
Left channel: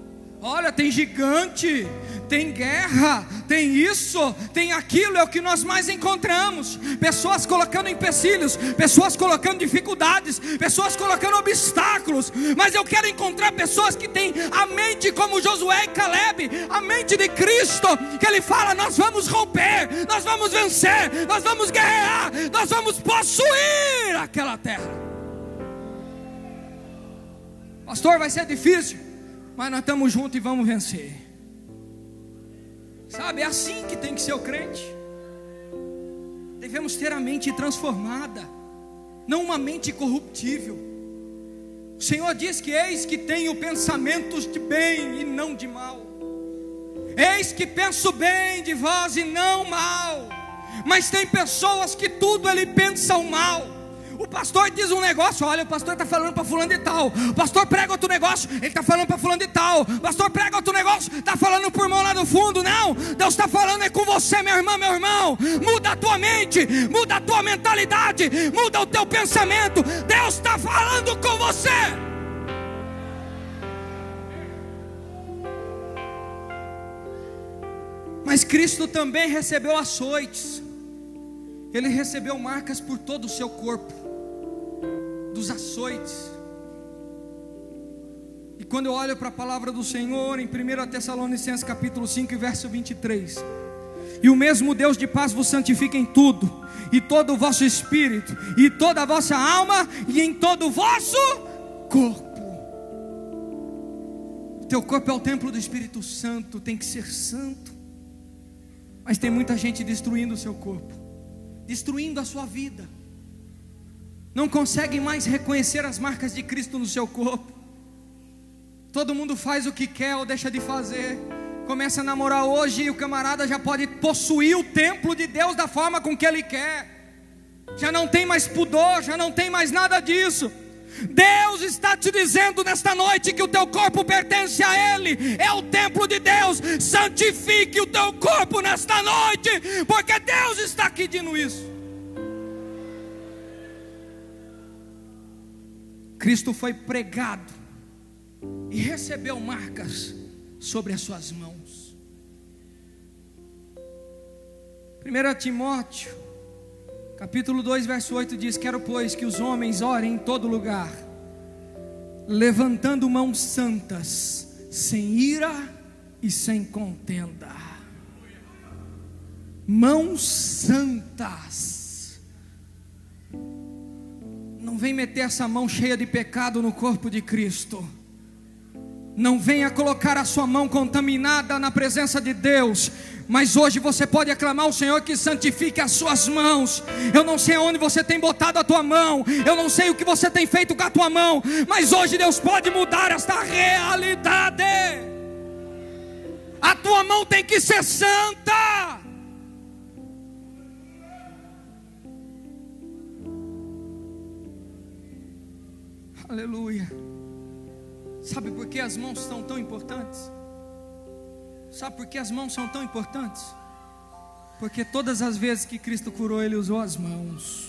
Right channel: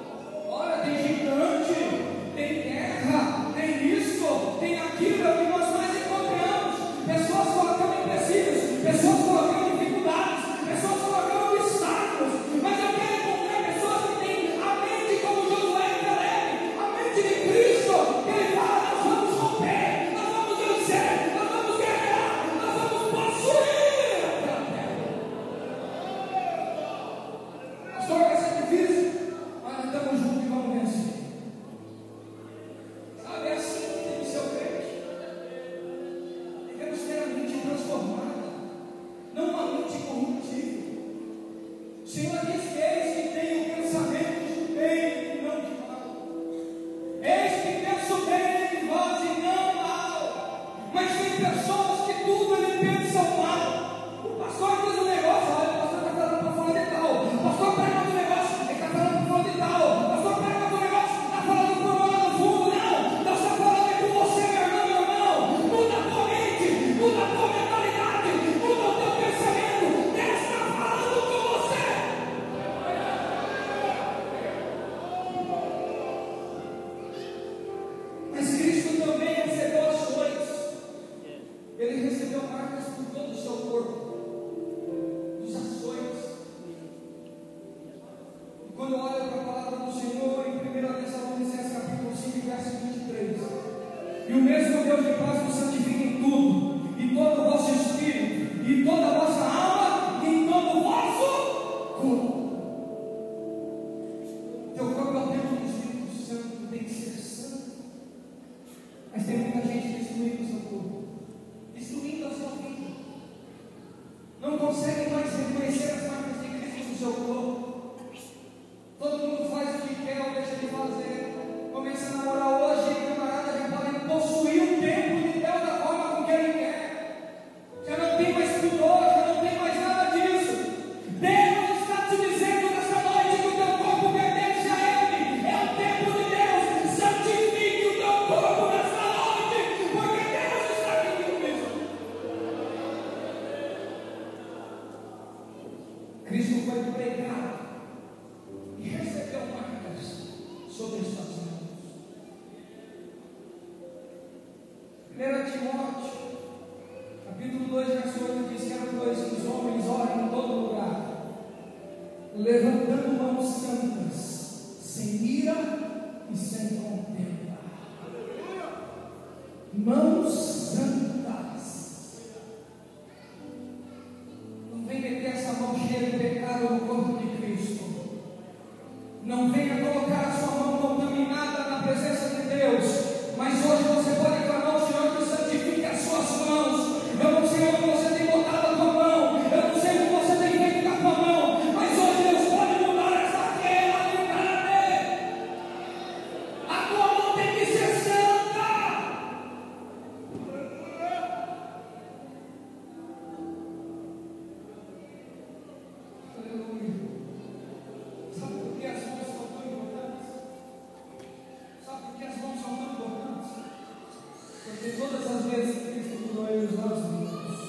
Olha, tem gigante, tem guerra, tem isso, tem aquilo. É o que nós mais encontramos: pessoas colocando empecilhos, pessoas colocando dificuldades, pessoas colocando obstáculos. Mas eu quero encontrar pessoas que têm a mente como Josué e Caleb, a mente de Cristo, que ele fala: nós vamos romper, nós vamos vencer, nós vamos guerrear, nós vamos possuir aquela terra. Pastor, vai ser difícil, mas nós estamos juntos e vamos vencer. Sabe, é assim que tem que ser o crente. Devemos ter a mente transformada, não uma mente corruptível. O Senhor diz que eis que tenho pensamentos de bem e não de mal. Eis que penso bem de vós e não mal. Mas tem pessoas que tudo ele pensa o mal. O pastor diz um negócio, olha, o pastor está falando para fulano de tal, o pastor prega outro negócio, ele está falando para fulano de tal, o pastor prega outro negócio, está falando para o irmão lá no fundo. Não, Deus está falando é com você, minha irmã, meu irmão. Muda a tua mente, muda a tua mentalidade, muda o teu pensamento. Deus está falando com você. Mas Cristo também recebeu açoites, Ele recebeu marcas por todo o seu corpo, dos açoites. E quando eu olho para a palavra do Senhor em 1 Tessalonicenses capítulo 5 e verso 23, e o mesmo Deus de paz vos santifica em tudo, e todo o vosso espírito, e toda a vossa alma, e em todo o vosso corpo. Teu corpo é o templo do Espírito Santo, tem que ser santo. Mas tem muita gente destruindo o seu corpo, destruindo a sua vida. Não consegue mais reconhecer as marcas de Cristo no seu corpo. Todo mundo faz o que quer ou deixa de fazer. Começa a namorar hoje e o camarada já pode possuir o templo de Deus da forma com que ele quer. Já não tem mais pudor, já não tem mais nada disso. Deus está te dizendo nesta noite que o teu corpo pertence a Ele, é o templo de Deus. Santifique o teu corpo nesta noite, porque Deus está aqui dizendo isso. Cristo foi pregado e recebeu marcas sobre as suas mãos. 1 Timóteo capítulo 2 verso 8 diz: quero pois que os homens orem em todo lugar, levantando mãos santas, sem ira e sem contenda. Mãos santas. Não vem meter essa mão cheia de pecado no corpo de Cristo. Não venha colocar a sua mão contaminada na presença de Deus. Mas hoje você pode aclamar ao Senhor que santifique as suas mãos. Eu não sei onde você tem botado a tua mão, eu não sei o que você tem feito com a tua mão, mas hoje Deus pode mudar esta realidade. A tua mão tem que ser santa. Aleluia. Sabe por que as mãos são tão importantes? Sabe por que as mãos são tão importantes? Porque todas as vezes que Cristo curou, Ele usou as mãos.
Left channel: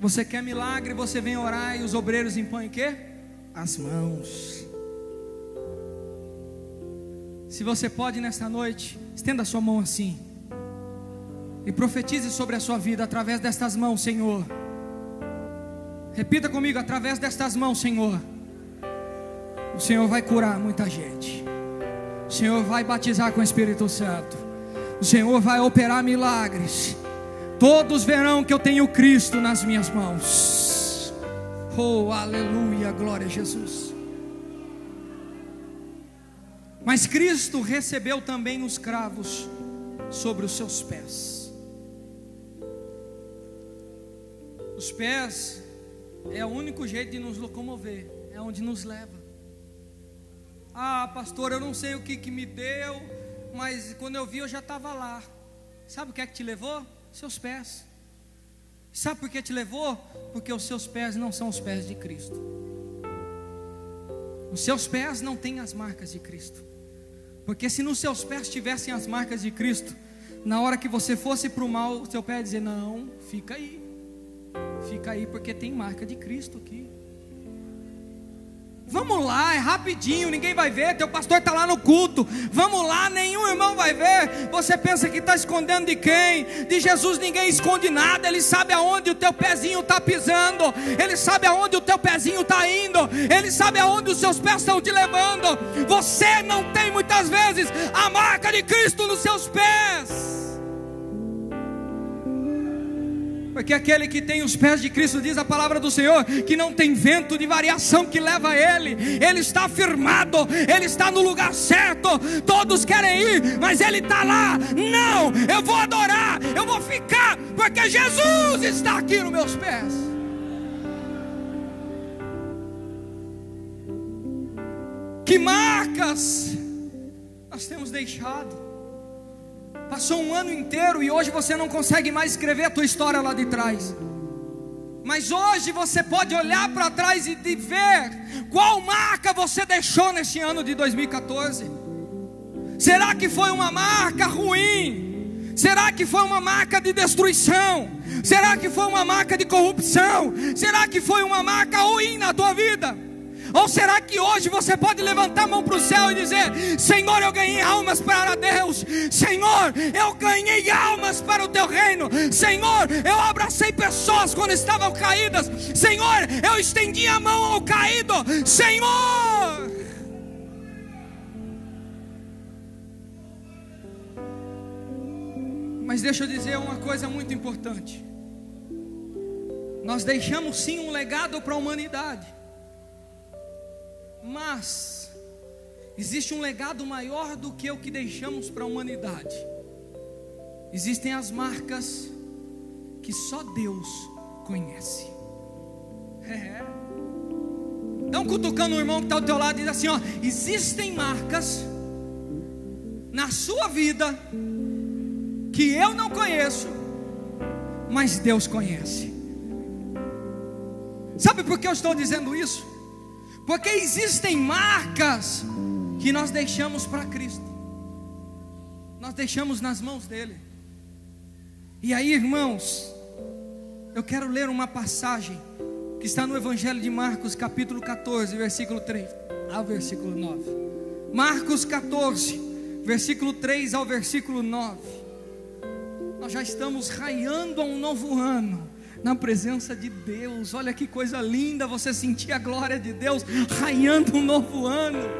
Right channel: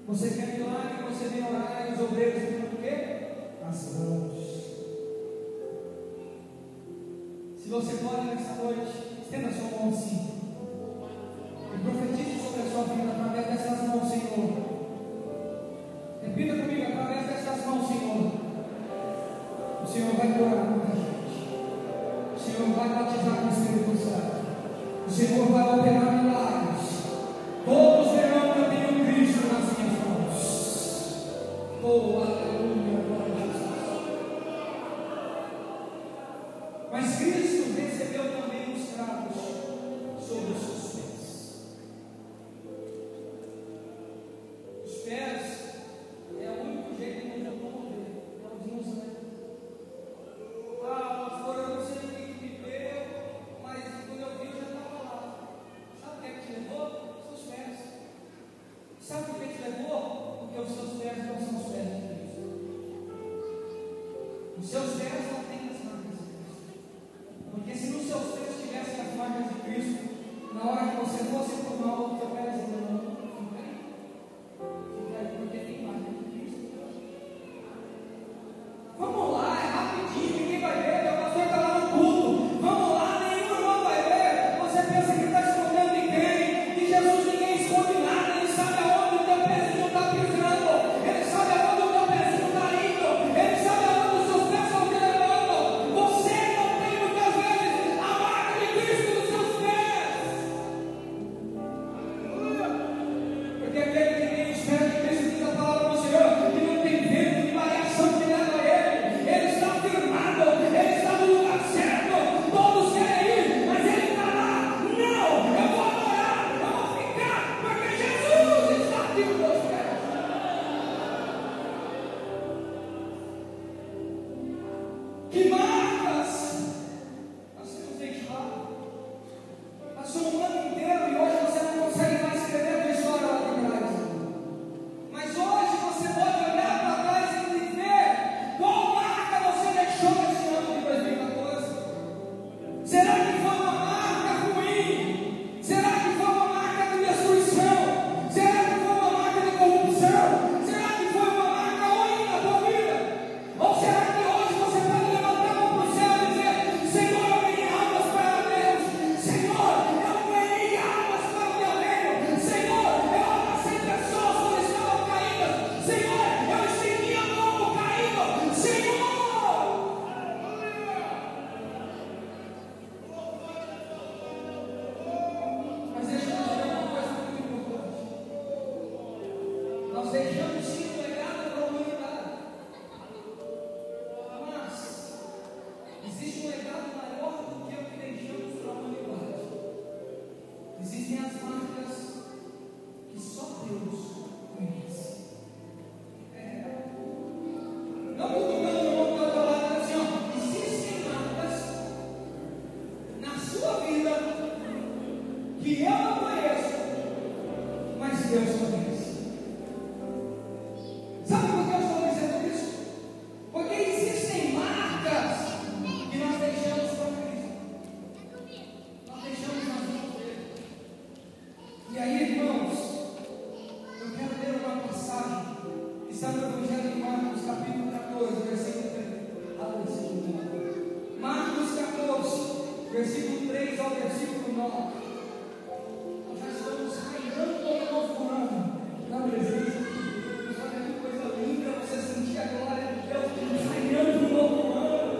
Você quer milagre, você vem orar e os obreiros impõem o quê? As mãos. Se você pode nesta noite, estenda a sua mão assim e profetize sobre a sua vida através destas mãos, Senhor. Repita comigo: através destas mãos, Senhor, o Senhor vai curar muita gente. O Senhor vai batizar com o Espírito Santo. O Senhor vai operar milagres. Todos verão que eu tenho Cristo nas minhas mãos. Oh, aleluia, glória a Jesus. Mas Cristo recebeu também os cravos sobre os seus pés. Os pés é o único jeito de nos locomover, é onde nos leva. Ah, pastor, eu não sei o que me deu, mas quando eu vi eu já estava lá. Sabe o que é que te levou? Seus pés. Sabe por que te levou? Porque os seus pés não são os pés de Cristo. Os seus pés não têm as marcas de Cristo. Porque se nos seus pés tivessem as marcas de Cristo, na hora que você fosse para o mal, o seu pé ia dizer: não, fica aí, porque tem marca de Cristo aqui. Vamos lá, é rapidinho, ninguém vai ver, teu pastor está lá no culto. Vamos lá, nenhum irmão vai ver. Você pensa que está escondendo de quem? De Jesus ninguém esconde nada. Ele sabe aonde o teu pezinho está pisando, Ele sabe aonde o teu pezinho está indo, Ele sabe aonde os seus pés estão te levando. Você não tem muitas vezes a marca de Cristo nos seus pés, porque aquele que tem os pés de Cristo, diz a palavra do Senhor, que não tem vento de variação que leva ele está firmado, ele está no lugar certo. Todos querem ir, mas ele está lá. Não, eu vou adorar, eu vou ficar, porque Jesus está aqui nos meus pés. Que marcas nós temos deixado? Passou um ano inteiro e hoje você não consegue mais escrever a tua história lá de trás. Mas hoje você pode olhar para trás e ver qual marca você deixou neste ano de 2014. Será que foi uma marca ruim? Será que foi uma marca de destruição? Será que foi uma marca de corrupção? Será que foi uma marca ruim na tua vida? Ou será que hoje você pode levantar a mão para o céu e dizer: Senhor, eu ganhei almas para Deus. Senhor, eu ganhei almas para o teu reino. Senhor, eu abracei pessoas quando estavam caídas. Senhor, eu estendi a mão ao caído. Senhor, mas deixa eu dizer uma coisa muito importante. Nós deixamos sim um legado para a humanidade, mas existe um legado maior do que o que deixamos para a humanidade. Existem as marcas que só Deus conhece. Então, cutucando o irmão que está ao teu lado, diz assim: ó, existem marcas na sua vida que eu não conheço, mas Deus conhece. Sabe por que eu estou dizendo isso? Porque existem marcas que nós deixamos para Cristo, nós deixamos nas mãos dele. E aí, irmãos, eu quero ler uma passagem que está no Evangelho de Marcos, capítulo 14, versículo 3 ao versículo 9. Marcos 14, versículo 3 ao versículo 9. Nós já estamos raiando a um novo ano na presença de Deus. Olha que coisa linda você sentir a glória de Deus raiando um novo ano.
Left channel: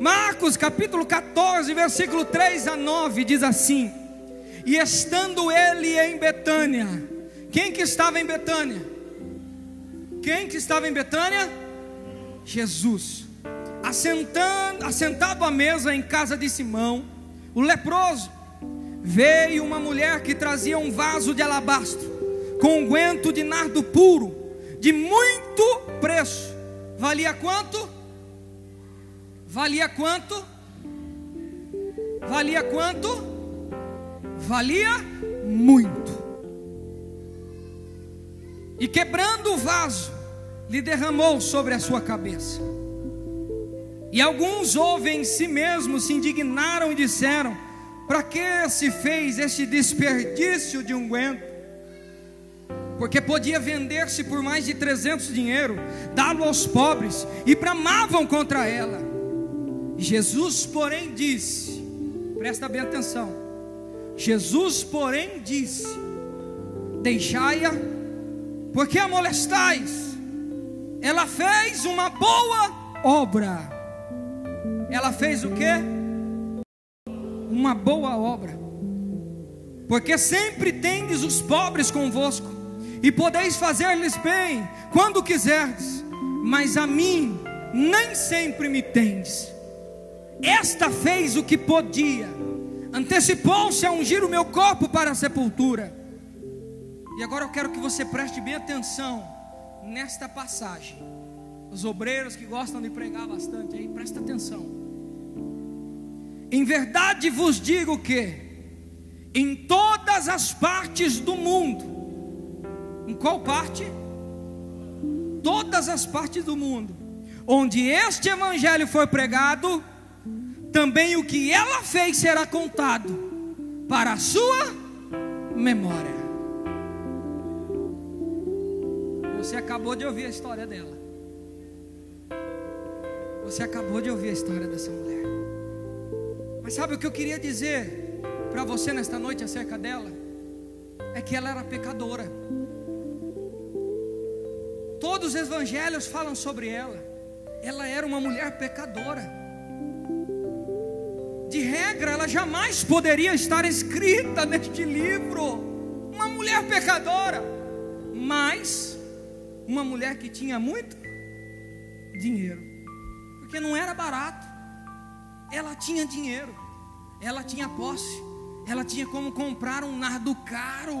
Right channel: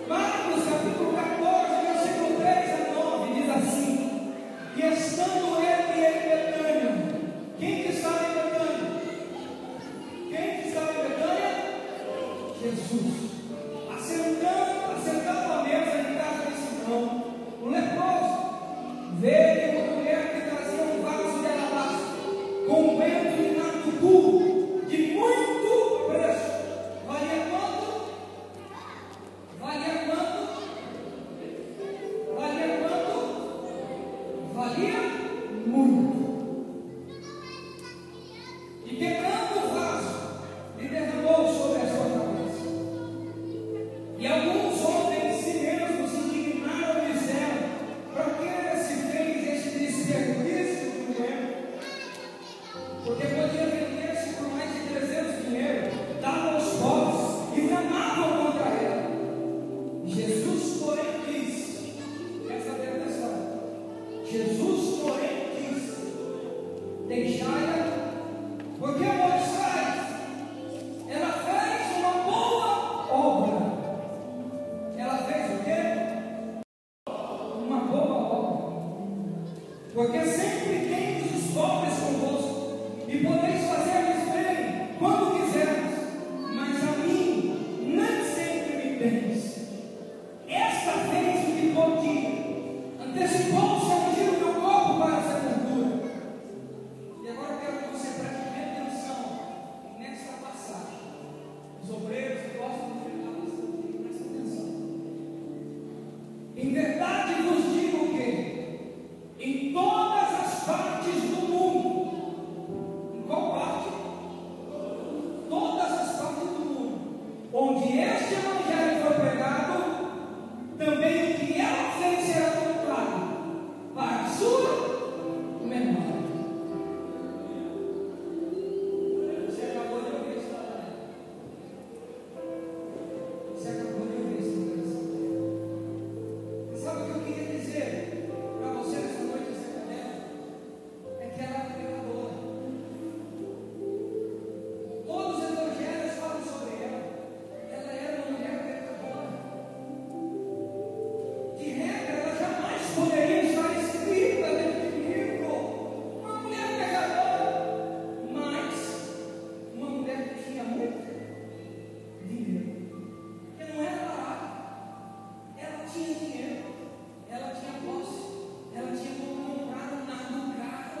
Marcos capítulo 14, versículo 3 a 9 diz assim: e estando ele em Betânia. Quem que estava em Betânia? Quem que estava em Betânia? Jesus. Assentado à mesa em casa de Simão, o leproso, veio uma mulher que trazia um vaso de alabastro com unguento de nardo puro, de muito preço. Valia quanto? Valia quanto? Valia quanto? Valia muito. E quebrando o vaso, lhe derramou sobre a sua cabeça. E alguns, ouvem em si mesmos, se indignaram e disseram: para que se fez este desperdício de unguento? Porque podia vender-se por mais de 300 dinheiro, dá-lo aos pobres, e bramavam contra ela. Jesus, porém, disse, presta bem atenção, Jesus, porém, disse: deixai-a, porque a molestais, ela fez uma boa obra. Ela fez o quê? Uma boa obra. Porque sempre tendes os pobres convosco, e podeis fazer-lhes bem quando quiserdes, mas a mim nem sempre me tendes. Esta fez o que podia, antecipou-se a ungir o meu corpo para a sepultura. E agora eu quero que você preste bem atenção nesta passagem. Os obreiros que gostam de pregar bastante aí, presta atenção. Em verdade vos digo que em todas as partes do mundo, em qual parte? Todas as partes do mundo, onde este evangelho foi pregado, também o que ela fez será contado para a sua memória. Você acabou de ouvir a história dela. Você acabou de ouvir a história dessa mulher. Mas sabe o que eu queria dizer para você nesta noite acerca dela? É que ela era pecadora. Todos os evangelhos falam sobre ela. Ela era uma mulher pecadora. De regra, ela jamais poderia estar escrita neste livro. Uma mulher pecadora, mas uma mulher que tinha muito dinheiro, porque não era barato. Ela tinha dinheiro, ela tinha posse, ela tinha como comprar um nardo caro,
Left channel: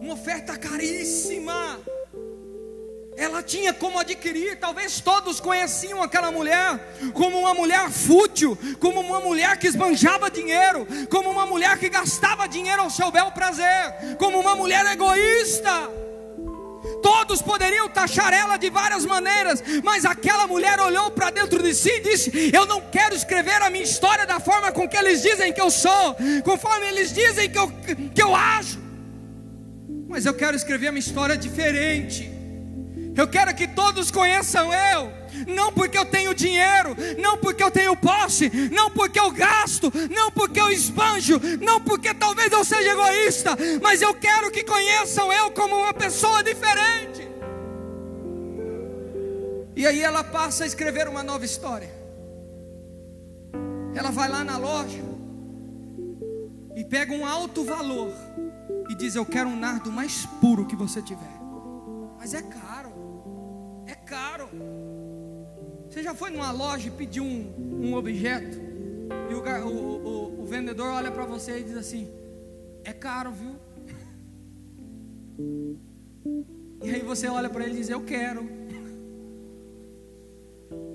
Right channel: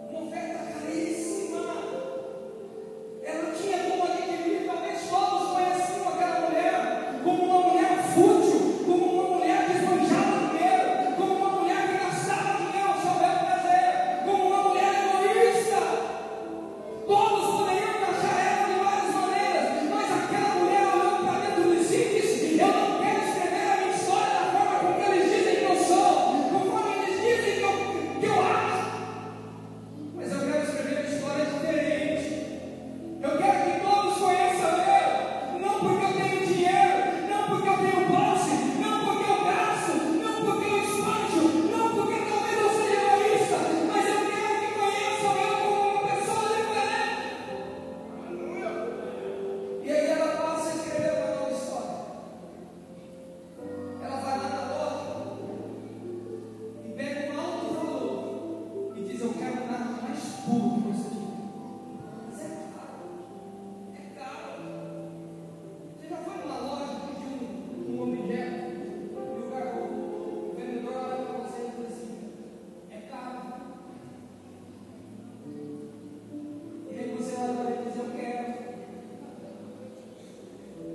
uma oferta caríssima. Ela tinha como adquirir. Talvez todos conheciam aquela mulher como uma mulher fútil, como uma mulher que esbanjava dinheiro, como uma mulher que gastava dinheiro ao seu bel prazer, como uma mulher egoísta. Todos poderiam taxar ela de várias maneiras, mas aquela mulher olhou para dentro de si e disse: eu não quero escrever a minha história da forma com que eles dizem que eu sou, conforme eles dizem que eu acho, mas eu quero escrever uma história diferente. Eu quero que todos conheçam eu, não porque eu tenho dinheiro, não porque eu tenho posse, não porque eu gasto, não porque eu esbanjo, não porque talvez eu seja egoísta, mas eu quero que conheçam eu como uma pessoa diferente. E aí ela passa a escrever uma nova história. Ela vai lá na loja e pega um alto valor e diz: eu quero um nardo mais puro que você tiver. Mas é caro. Você já foi numa loja e pediu um objeto e o vendedor olha para você e diz assim: é caro, viu? E aí você olha para ele e diz: eu quero.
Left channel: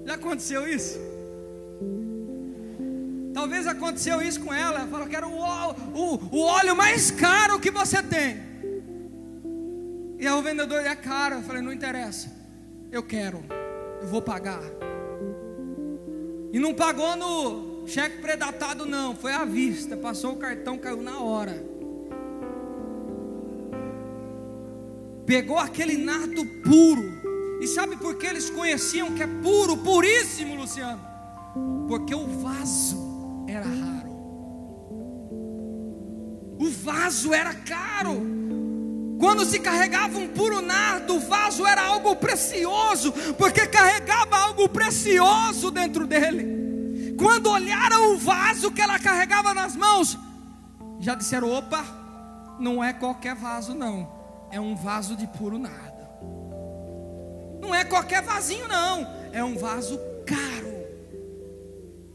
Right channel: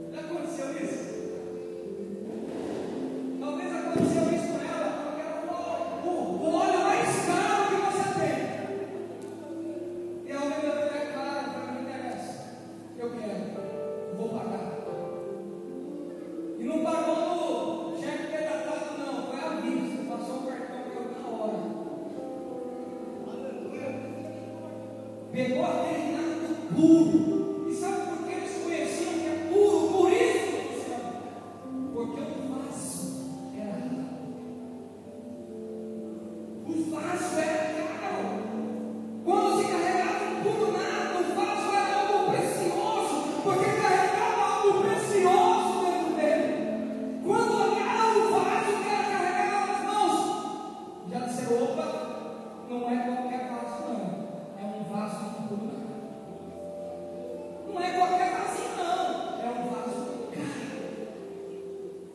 Já aconteceu isso? Talvez aconteceu isso com ela. Ela fala: eu quero o óleo mais caro que você tem. E aí o vendedor: é caro. Eu falei: não interessa, eu quero, eu vou pagar. E não pagou no cheque predatado, não, foi à vista. Passou o cartão, caiu na hora. Pegou aquele nardo puro. E sabe por que eles conheciam que é puro, puríssimo, Luciano? Porque o vaso era raro. O vaso era caro. Quando se carregava um puro nardo, o vaso era algo precioso, porque carregava algo precioso dentro dele. Quando olharam o vaso que ela carregava nas mãos, já disseram: opa, não é qualquer vaso não, é um vaso de puro nardo. Não é qualquer vasinho não, é um vaso caro.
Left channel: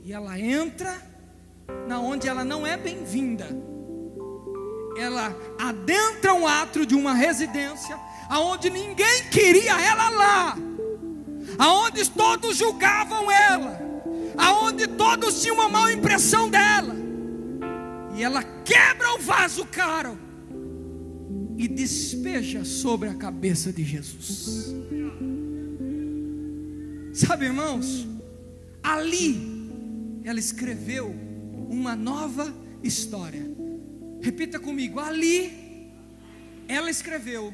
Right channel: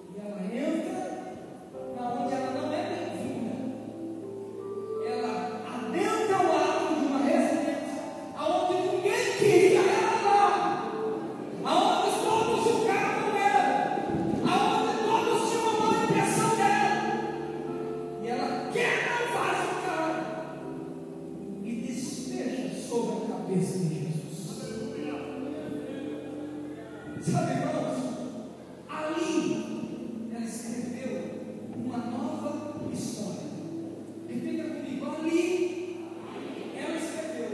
E ela entra na onde ela não é bem-vinda. Ela adentra um átrio de uma residência, aonde ninguém queria ela lá, aonde todos julgavam ela, aonde todos tinham uma má impressão dela. E ela quebra o vaso caro e despeja sobre a cabeça de Jesus. Sabe, irmãos, ali ela escreveu uma nova história. Repita comigo: ali ela escreveu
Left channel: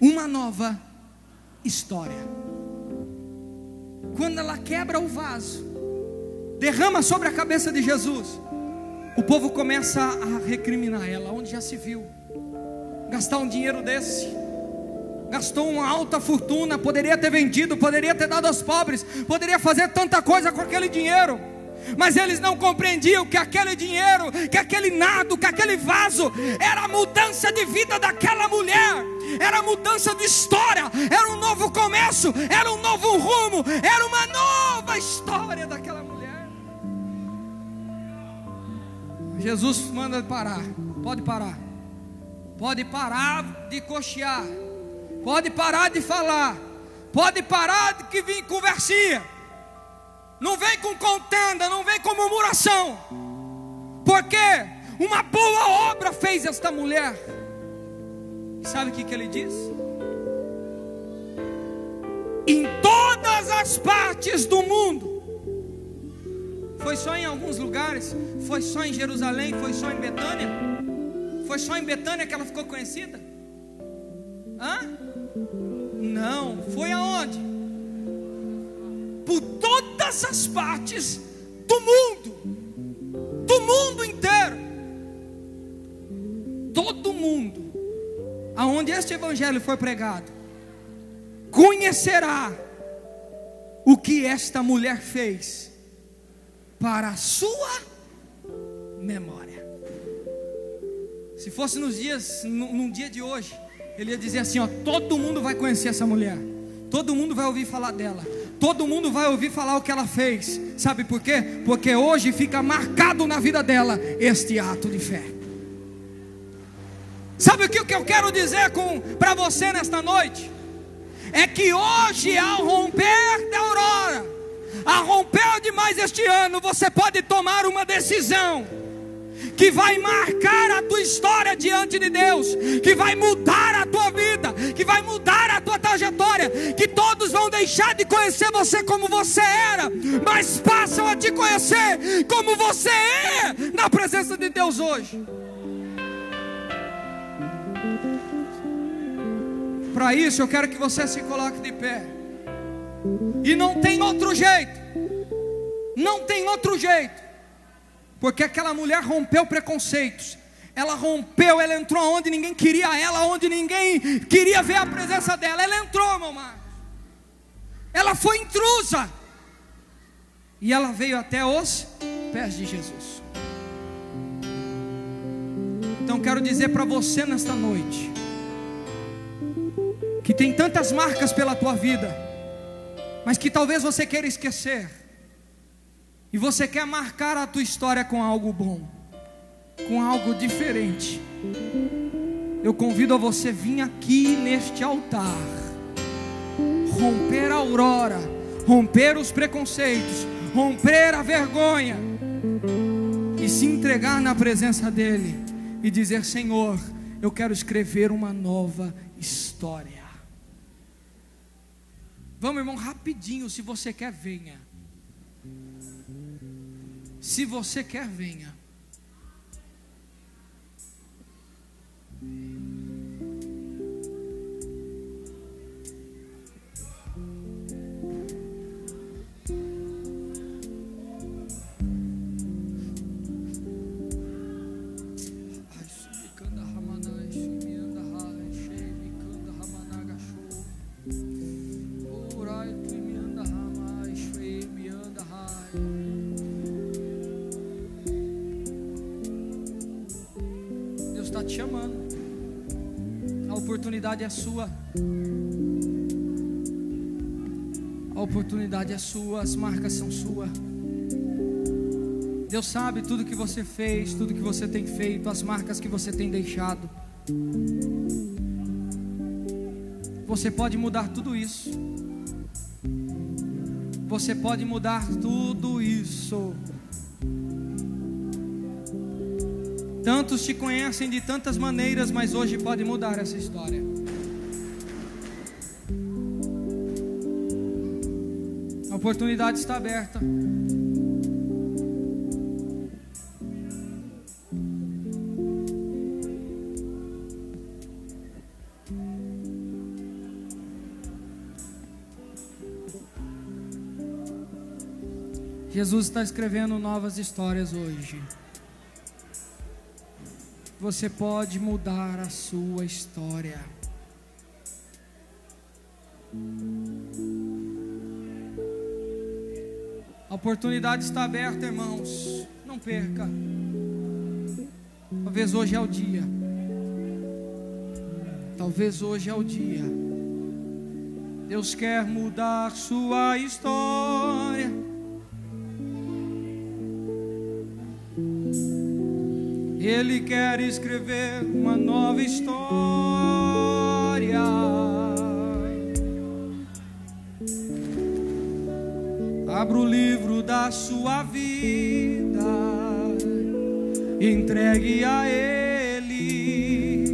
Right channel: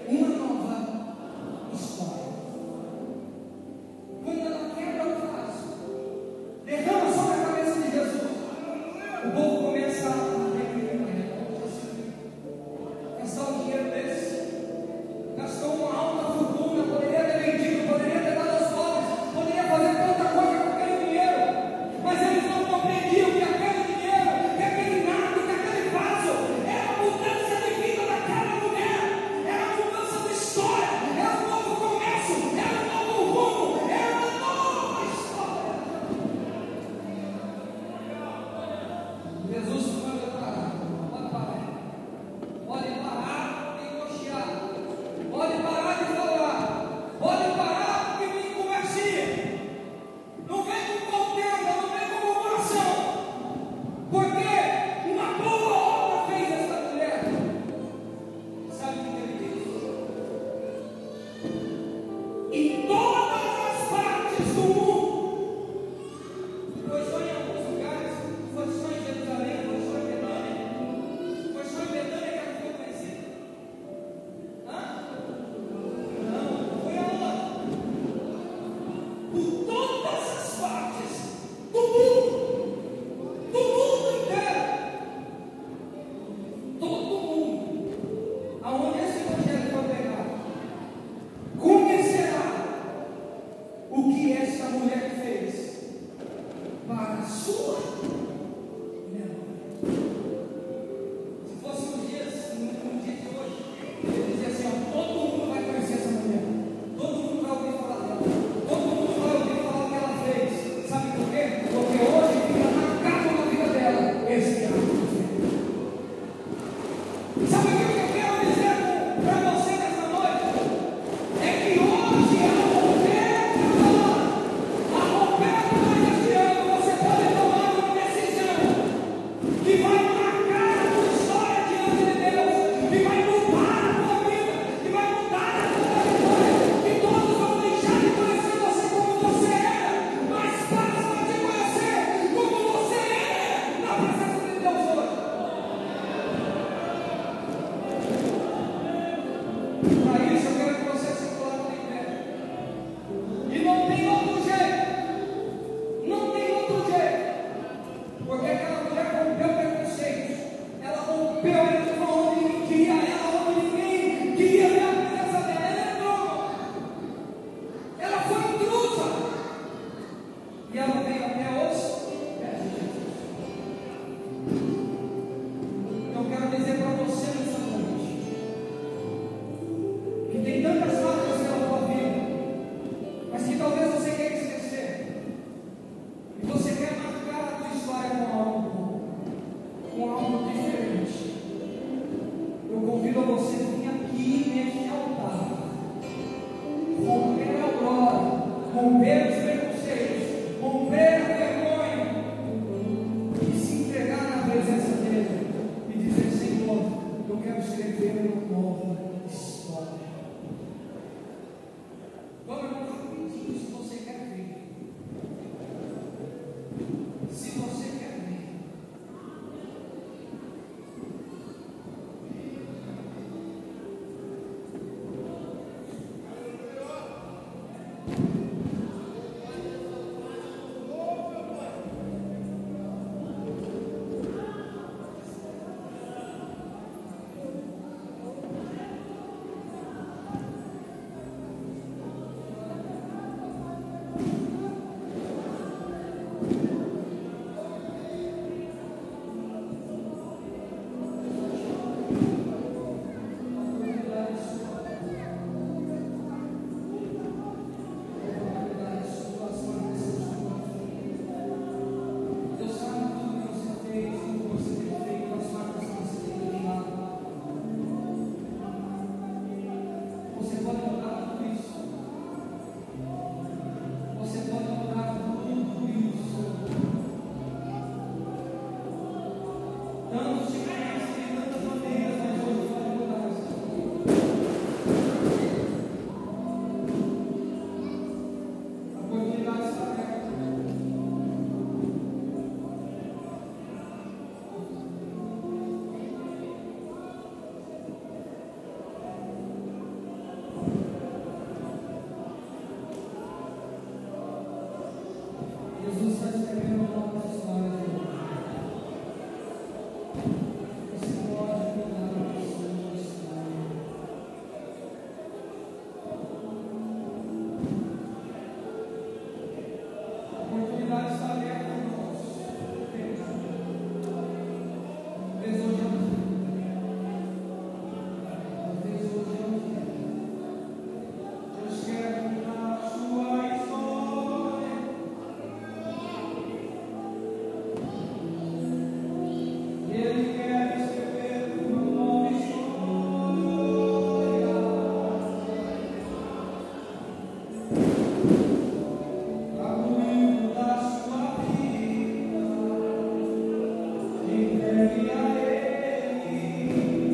uma nova história. Quando ela quebra o vaso, derrama sobre a cabeça de Jesus, o povo começa a recriminar ela. Onde já se viu gastar um dinheiro desse? Gastou uma alta fortuna, poderia ter vendido, poderia ter dado aos pobres, poderia fazer tanta coisa com aquele dinheiro. Mas eles não compreendiam que aquele dinheiro, que aquele nardo, que aquele vaso era a mudança de vida daquela mulher, era a mudança de história, era um novo começo, era um novo rumo, era uma nova história daquela mulher. Jesus manda parar. Pode parar de cochear, pode parar de falar, pode parar de vir conversinha. Não vem com contenda, não vem com murmuração, porque uma boa obra fez esta mulher. Sabe o que ele diz? Em todas as partes do mundo. Foi só em alguns lugares? Foi só em Jerusalém? Foi só em Betânia? Foi só em Betânia que ela ficou conhecida? Não, foi aonde? Por todas as partes do mundo inteiro. Todo mundo aonde este evangelho foi pregado conhecerá o que esta mulher fez para a sua memória. Se fosse nos dias, num dia de hoje, ele ia dizer assim: ó, todo mundo vai conhecer essa mulher, todo mundo vai ouvir falar dela, todo mundo vai ouvir falar o que ela fez. Sabe por quê? Porque hoje fica marcado na vida dela este ato de fé. Sabe o que eu quero dizer para você nesta noite? É que hoje, ao romper da aurora, ao romper demais este ano, você pode tomar uma decisão decisão que vai marcar a tua história diante de Deus, que vai mudar a tua vida, que vai mudar a tua trajetória, que todos vão deixar de conhecer você como você era, mas passam a te conhecer como você é na presença de Deus hoje. Para isso eu quero que você se coloque de pé. E não tem outro jeito. Não tem outro jeito. Porque aquela mulher rompeu preconceitos. Ela rompeu, ela entrou onde ninguém queria ela, onde ninguém queria ver a presença dela. Ela entrou, mamãe. Ela foi intrusa. E ela veio até os pés de Jesus. Então quero dizer para você nesta noite, que tem tantas marcas pela tua vida, mas que talvez você queira esquecer, e você quer marcar a tua história com algo bom, com algo diferente. Eu convido a você vir aqui neste altar, romper a aurora, romper os preconceitos, romper a vergonha, e se entregar na presença dele, e dizer: Senhor, eu quero escrever uma nova história. Vamos, irmão, rapidinho. Se você quer, venha. Se você quer, venha. É sua, a oportunidade é sua, as marcas são suas. Deus sabe tudo que você fez, tudo que você tem feito, as marcas que você tem deixado. Você pode mudar tudo isso. Você pode mudar tudo isso. Tantos te conhecem de tantas maneiras, mas hoje pode mudar essa história. A oportunidade está aberta. Jesus está escrevendo novas histórias hoje. Você pode mudar a sua história. A oportunidade está aberta, irmãos. Não perca. Talvez hoje é o dia. Talvez hoje é o dia. Deus quer mudar sua história. Ele quer escrever uma nova história. Abra o livro da sua vida, entregue a Ele,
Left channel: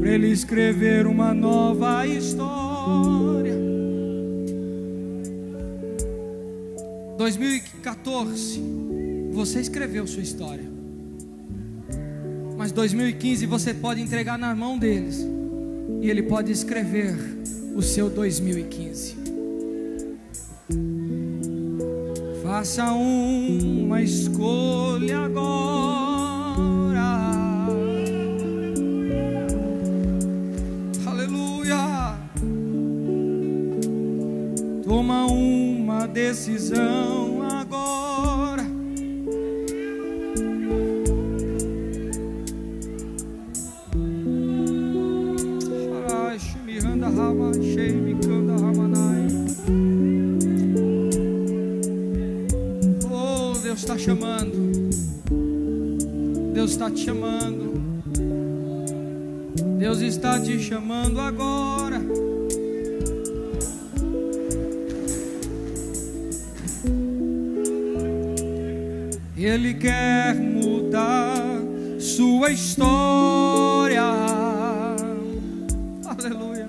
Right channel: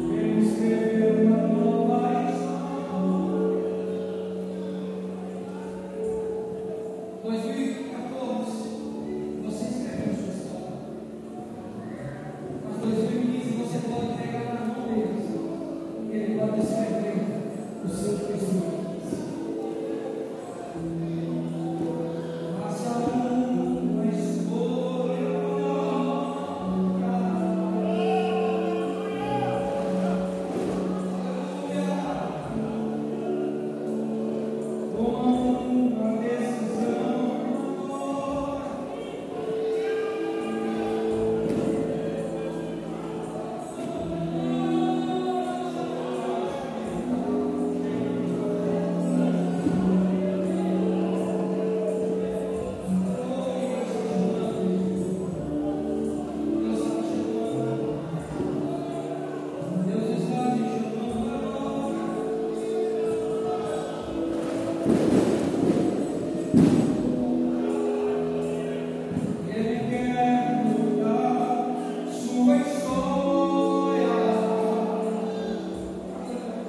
para Ele escrever uma nova história. 2014, você escreveu sua história. Mas 2015 você pode entregar na mão deles, e Ele pode escrever o seu 2015. Faça uma escolha agora. Aleluia. Toma uma decisão. Deus está te chamando. Deus está te chamando agora. Ele quer mudar sua história. Aleluia.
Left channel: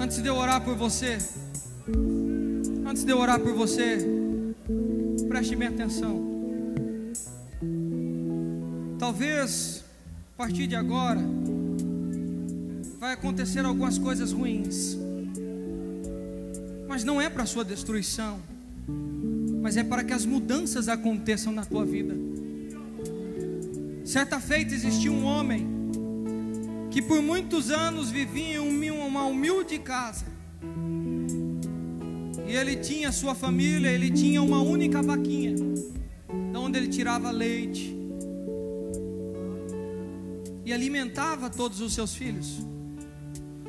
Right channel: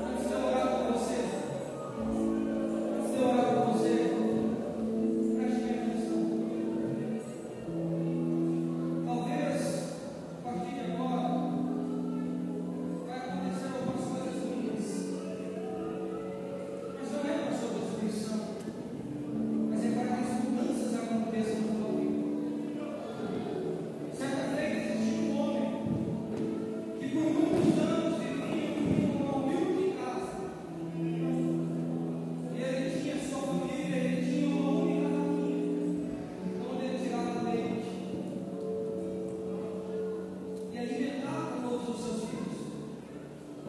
Antes de eu orar por você, preste bem atenção. Talvez a partir de agora vai acontecer algumas coisas ruins, mas não é para sua destruição, mas é para que as mudanças aconteçam na tua vida. Certa feita existia um homem que por muitos anos vivia em uma humilde casa, e ele tinha sua família, ele tinha uma única vaquinha, de onde ele tirava leite e alimentava todos os seus filhos.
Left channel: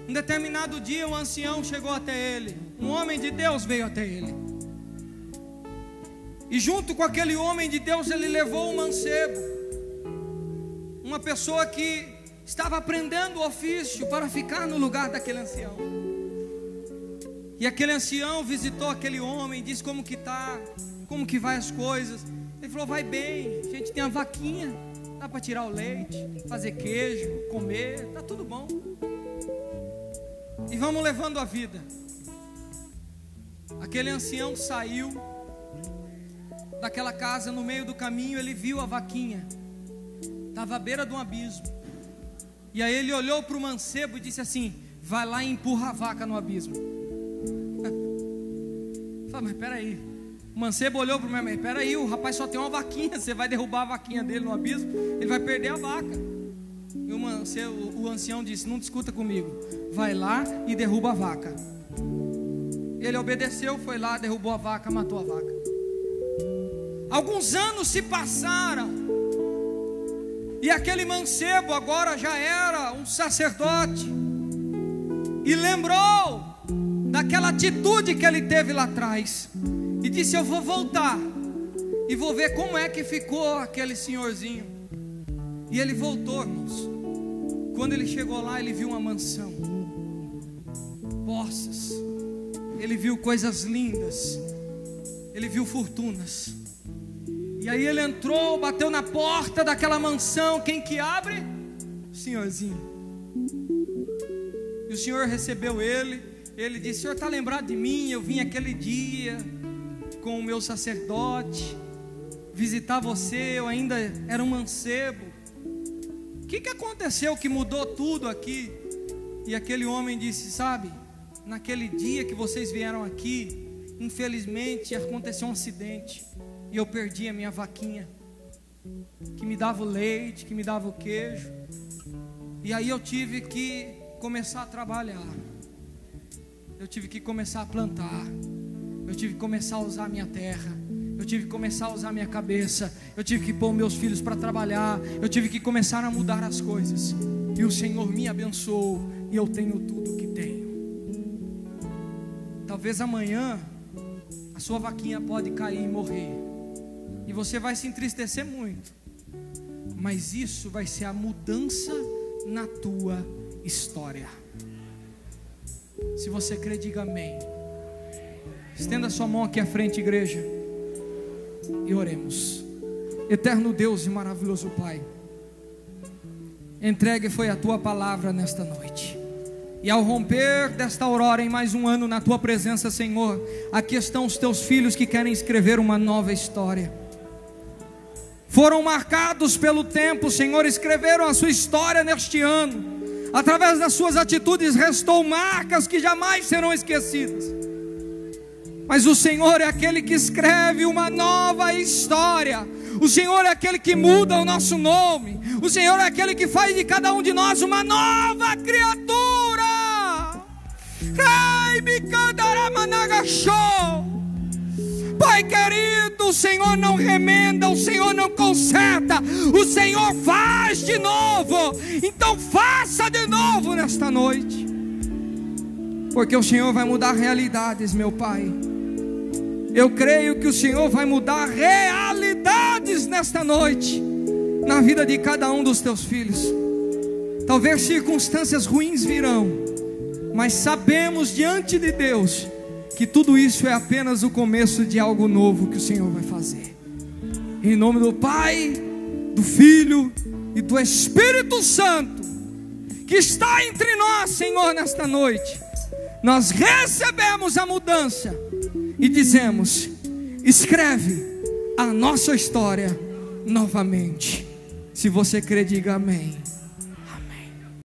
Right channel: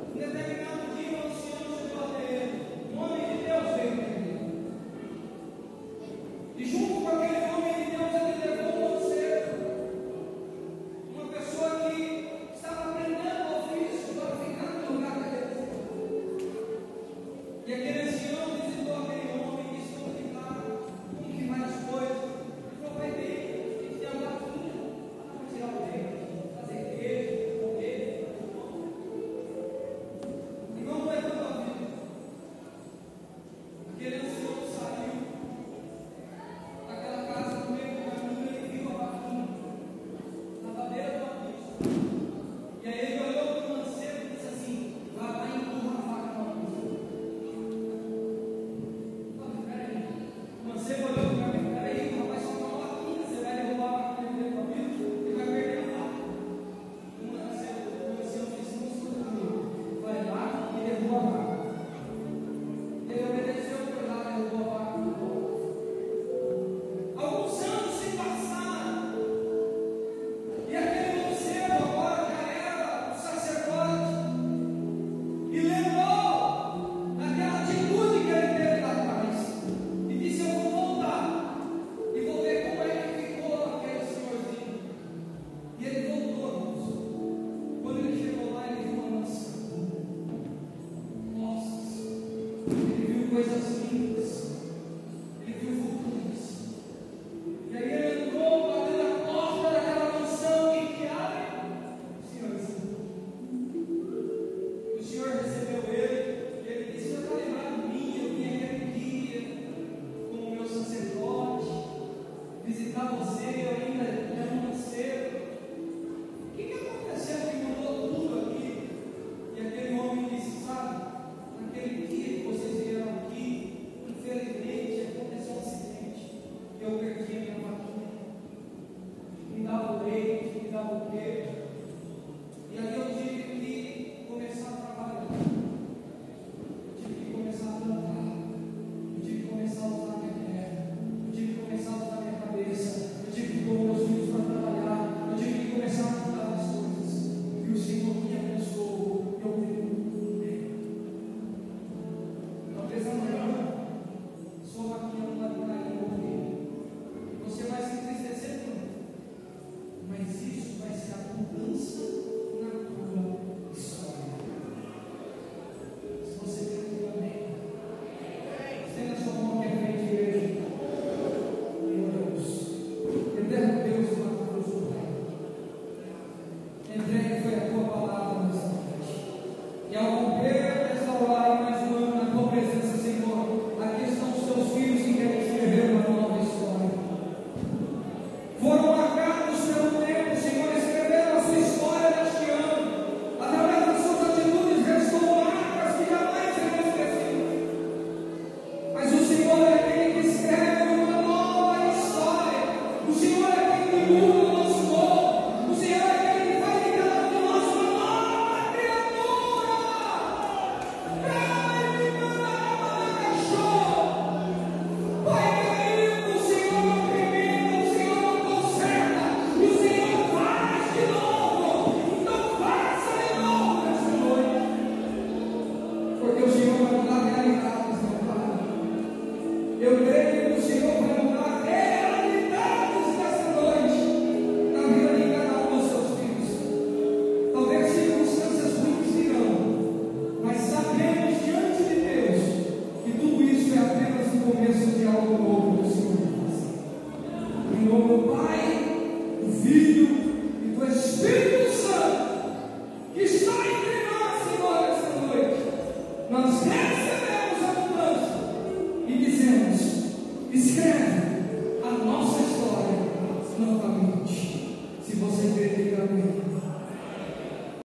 Em determinado dia, um ancião chegou até ele, um homem de Deus veio até ele, e junto com aquele homem de Deus, ele levou um mancebo, uma pessoa que estava aprendendo o ofício para ficar no lugar daquele ancião. E aquele ancião visitou aquele homem, disse como que está, como que vai as coisas. Ele falou: vai bem, a gente tem a vaquinha, dá para tirar o leite, fazer queijo, comer, está tudo bom, e vamos levando a vida. Aquele ancião saiu daquela casa, no meio do caminho ele viu a vaquinha, estava à beira de um abismo, e aí ele olhou para o mancebo e disse assim: vai lá e empurra a vaca no abismo. Mas peraí, o mancebo olhou para mim: peraí, o rapaz só tem uma vaquinha, você vai derrubar a vaquinha dele no abismo, ele vai perder a vaca. E o ancião disse: não discuta comigo, vai lá e derruba a vaca. Ele obedeceu, foi lá, derrubou a vaca, matou a vaca. Alguns anos se passaram, e aquele mancebo agora já era um sacerdote, e lembrou daquela atitude que ele teve lá atrás, e disse: eu vou voltar e vou ver como é que ficou aquele senhorzinho. E ele voltou, irmãos. Quando ele chegou lá, ele viu uma mansão, posses, ele viu coisas lindas, ele viu fortunas. E aí ele entrou, bateu na porta daquela mansão. Quem que abre? O senhorzinho. E o senhor recebeu ele. Ele disse: o senhor está lembrado de mim? Eu vim aquele dia com o meu sacerdote visitar você, eu ainda era um mancebo. O que aconteceu que mudou tudo aqui? E aquele homem disse: sabe, naquele dia que vocês vieram aqui, infelizmente aconteceu um acidente, e eu perdi a minha vaquinha, que me dava o leite, que me dava o queijo, e aí eu tive que começar a trabalhar, eu tive que começar a plantar, eu tive que começar a usar a minha terra, eu tive que começar a usar a minha cabeça, eu tive que pôr meus filhos para trabalhar, eu tive que começar a mudar as coisas, e o Senhor me abençoou, e eu tenho tudo que tenho. Talvez amanhã a sua vaquinha pode cair e morrer, e você vai se entristecer muito, mas isso vai ser a mudança na tua história. Se você crê, diga amém. Estenda sua mão aqui à frente, igreja, e oremos. Eterno Deus e maravilhoso Pai, entregue foi a tua palavra nesta noite, e ao romper desta aurora em mais um ano na tua presença, Senhor, aqui estão os teus filhos que querem escrever uma nova história. Foram marcados pelo tempo, Senhor, escreveram a sua história neste ano, através das suas atitudes restou marcas que jamais serão esquecidas. Mas o Senhor é aquele que escreve uma nova história, o Senhor é aquele que muda o nosso nome, o Senhor é aquele que faz de cada um de nós uma nova criatura. Pai querido, o Senhor não remenda, o Senhor não conserta, o Senhor faz de novo. Então faça de novo nesta noite, porque o Senhor vai mudar realidades, meu Pai. Eu creio que o Senhor vai mudar realidades nesta noite, na vida de cada um dos teus filhos. Talvez circunstâncias ruins virão, mas sabemos diante de Deus que tudo isso é apenas o começo de algo novo que o Senhor vai fazer. Em nome do Pai, do Filho e do Espírito Santo, que está entre nós, Senhor, nesta noite, nós recebemos a mudança e dizemos: escreve a nossa história novamente. Se você crê, diga amém.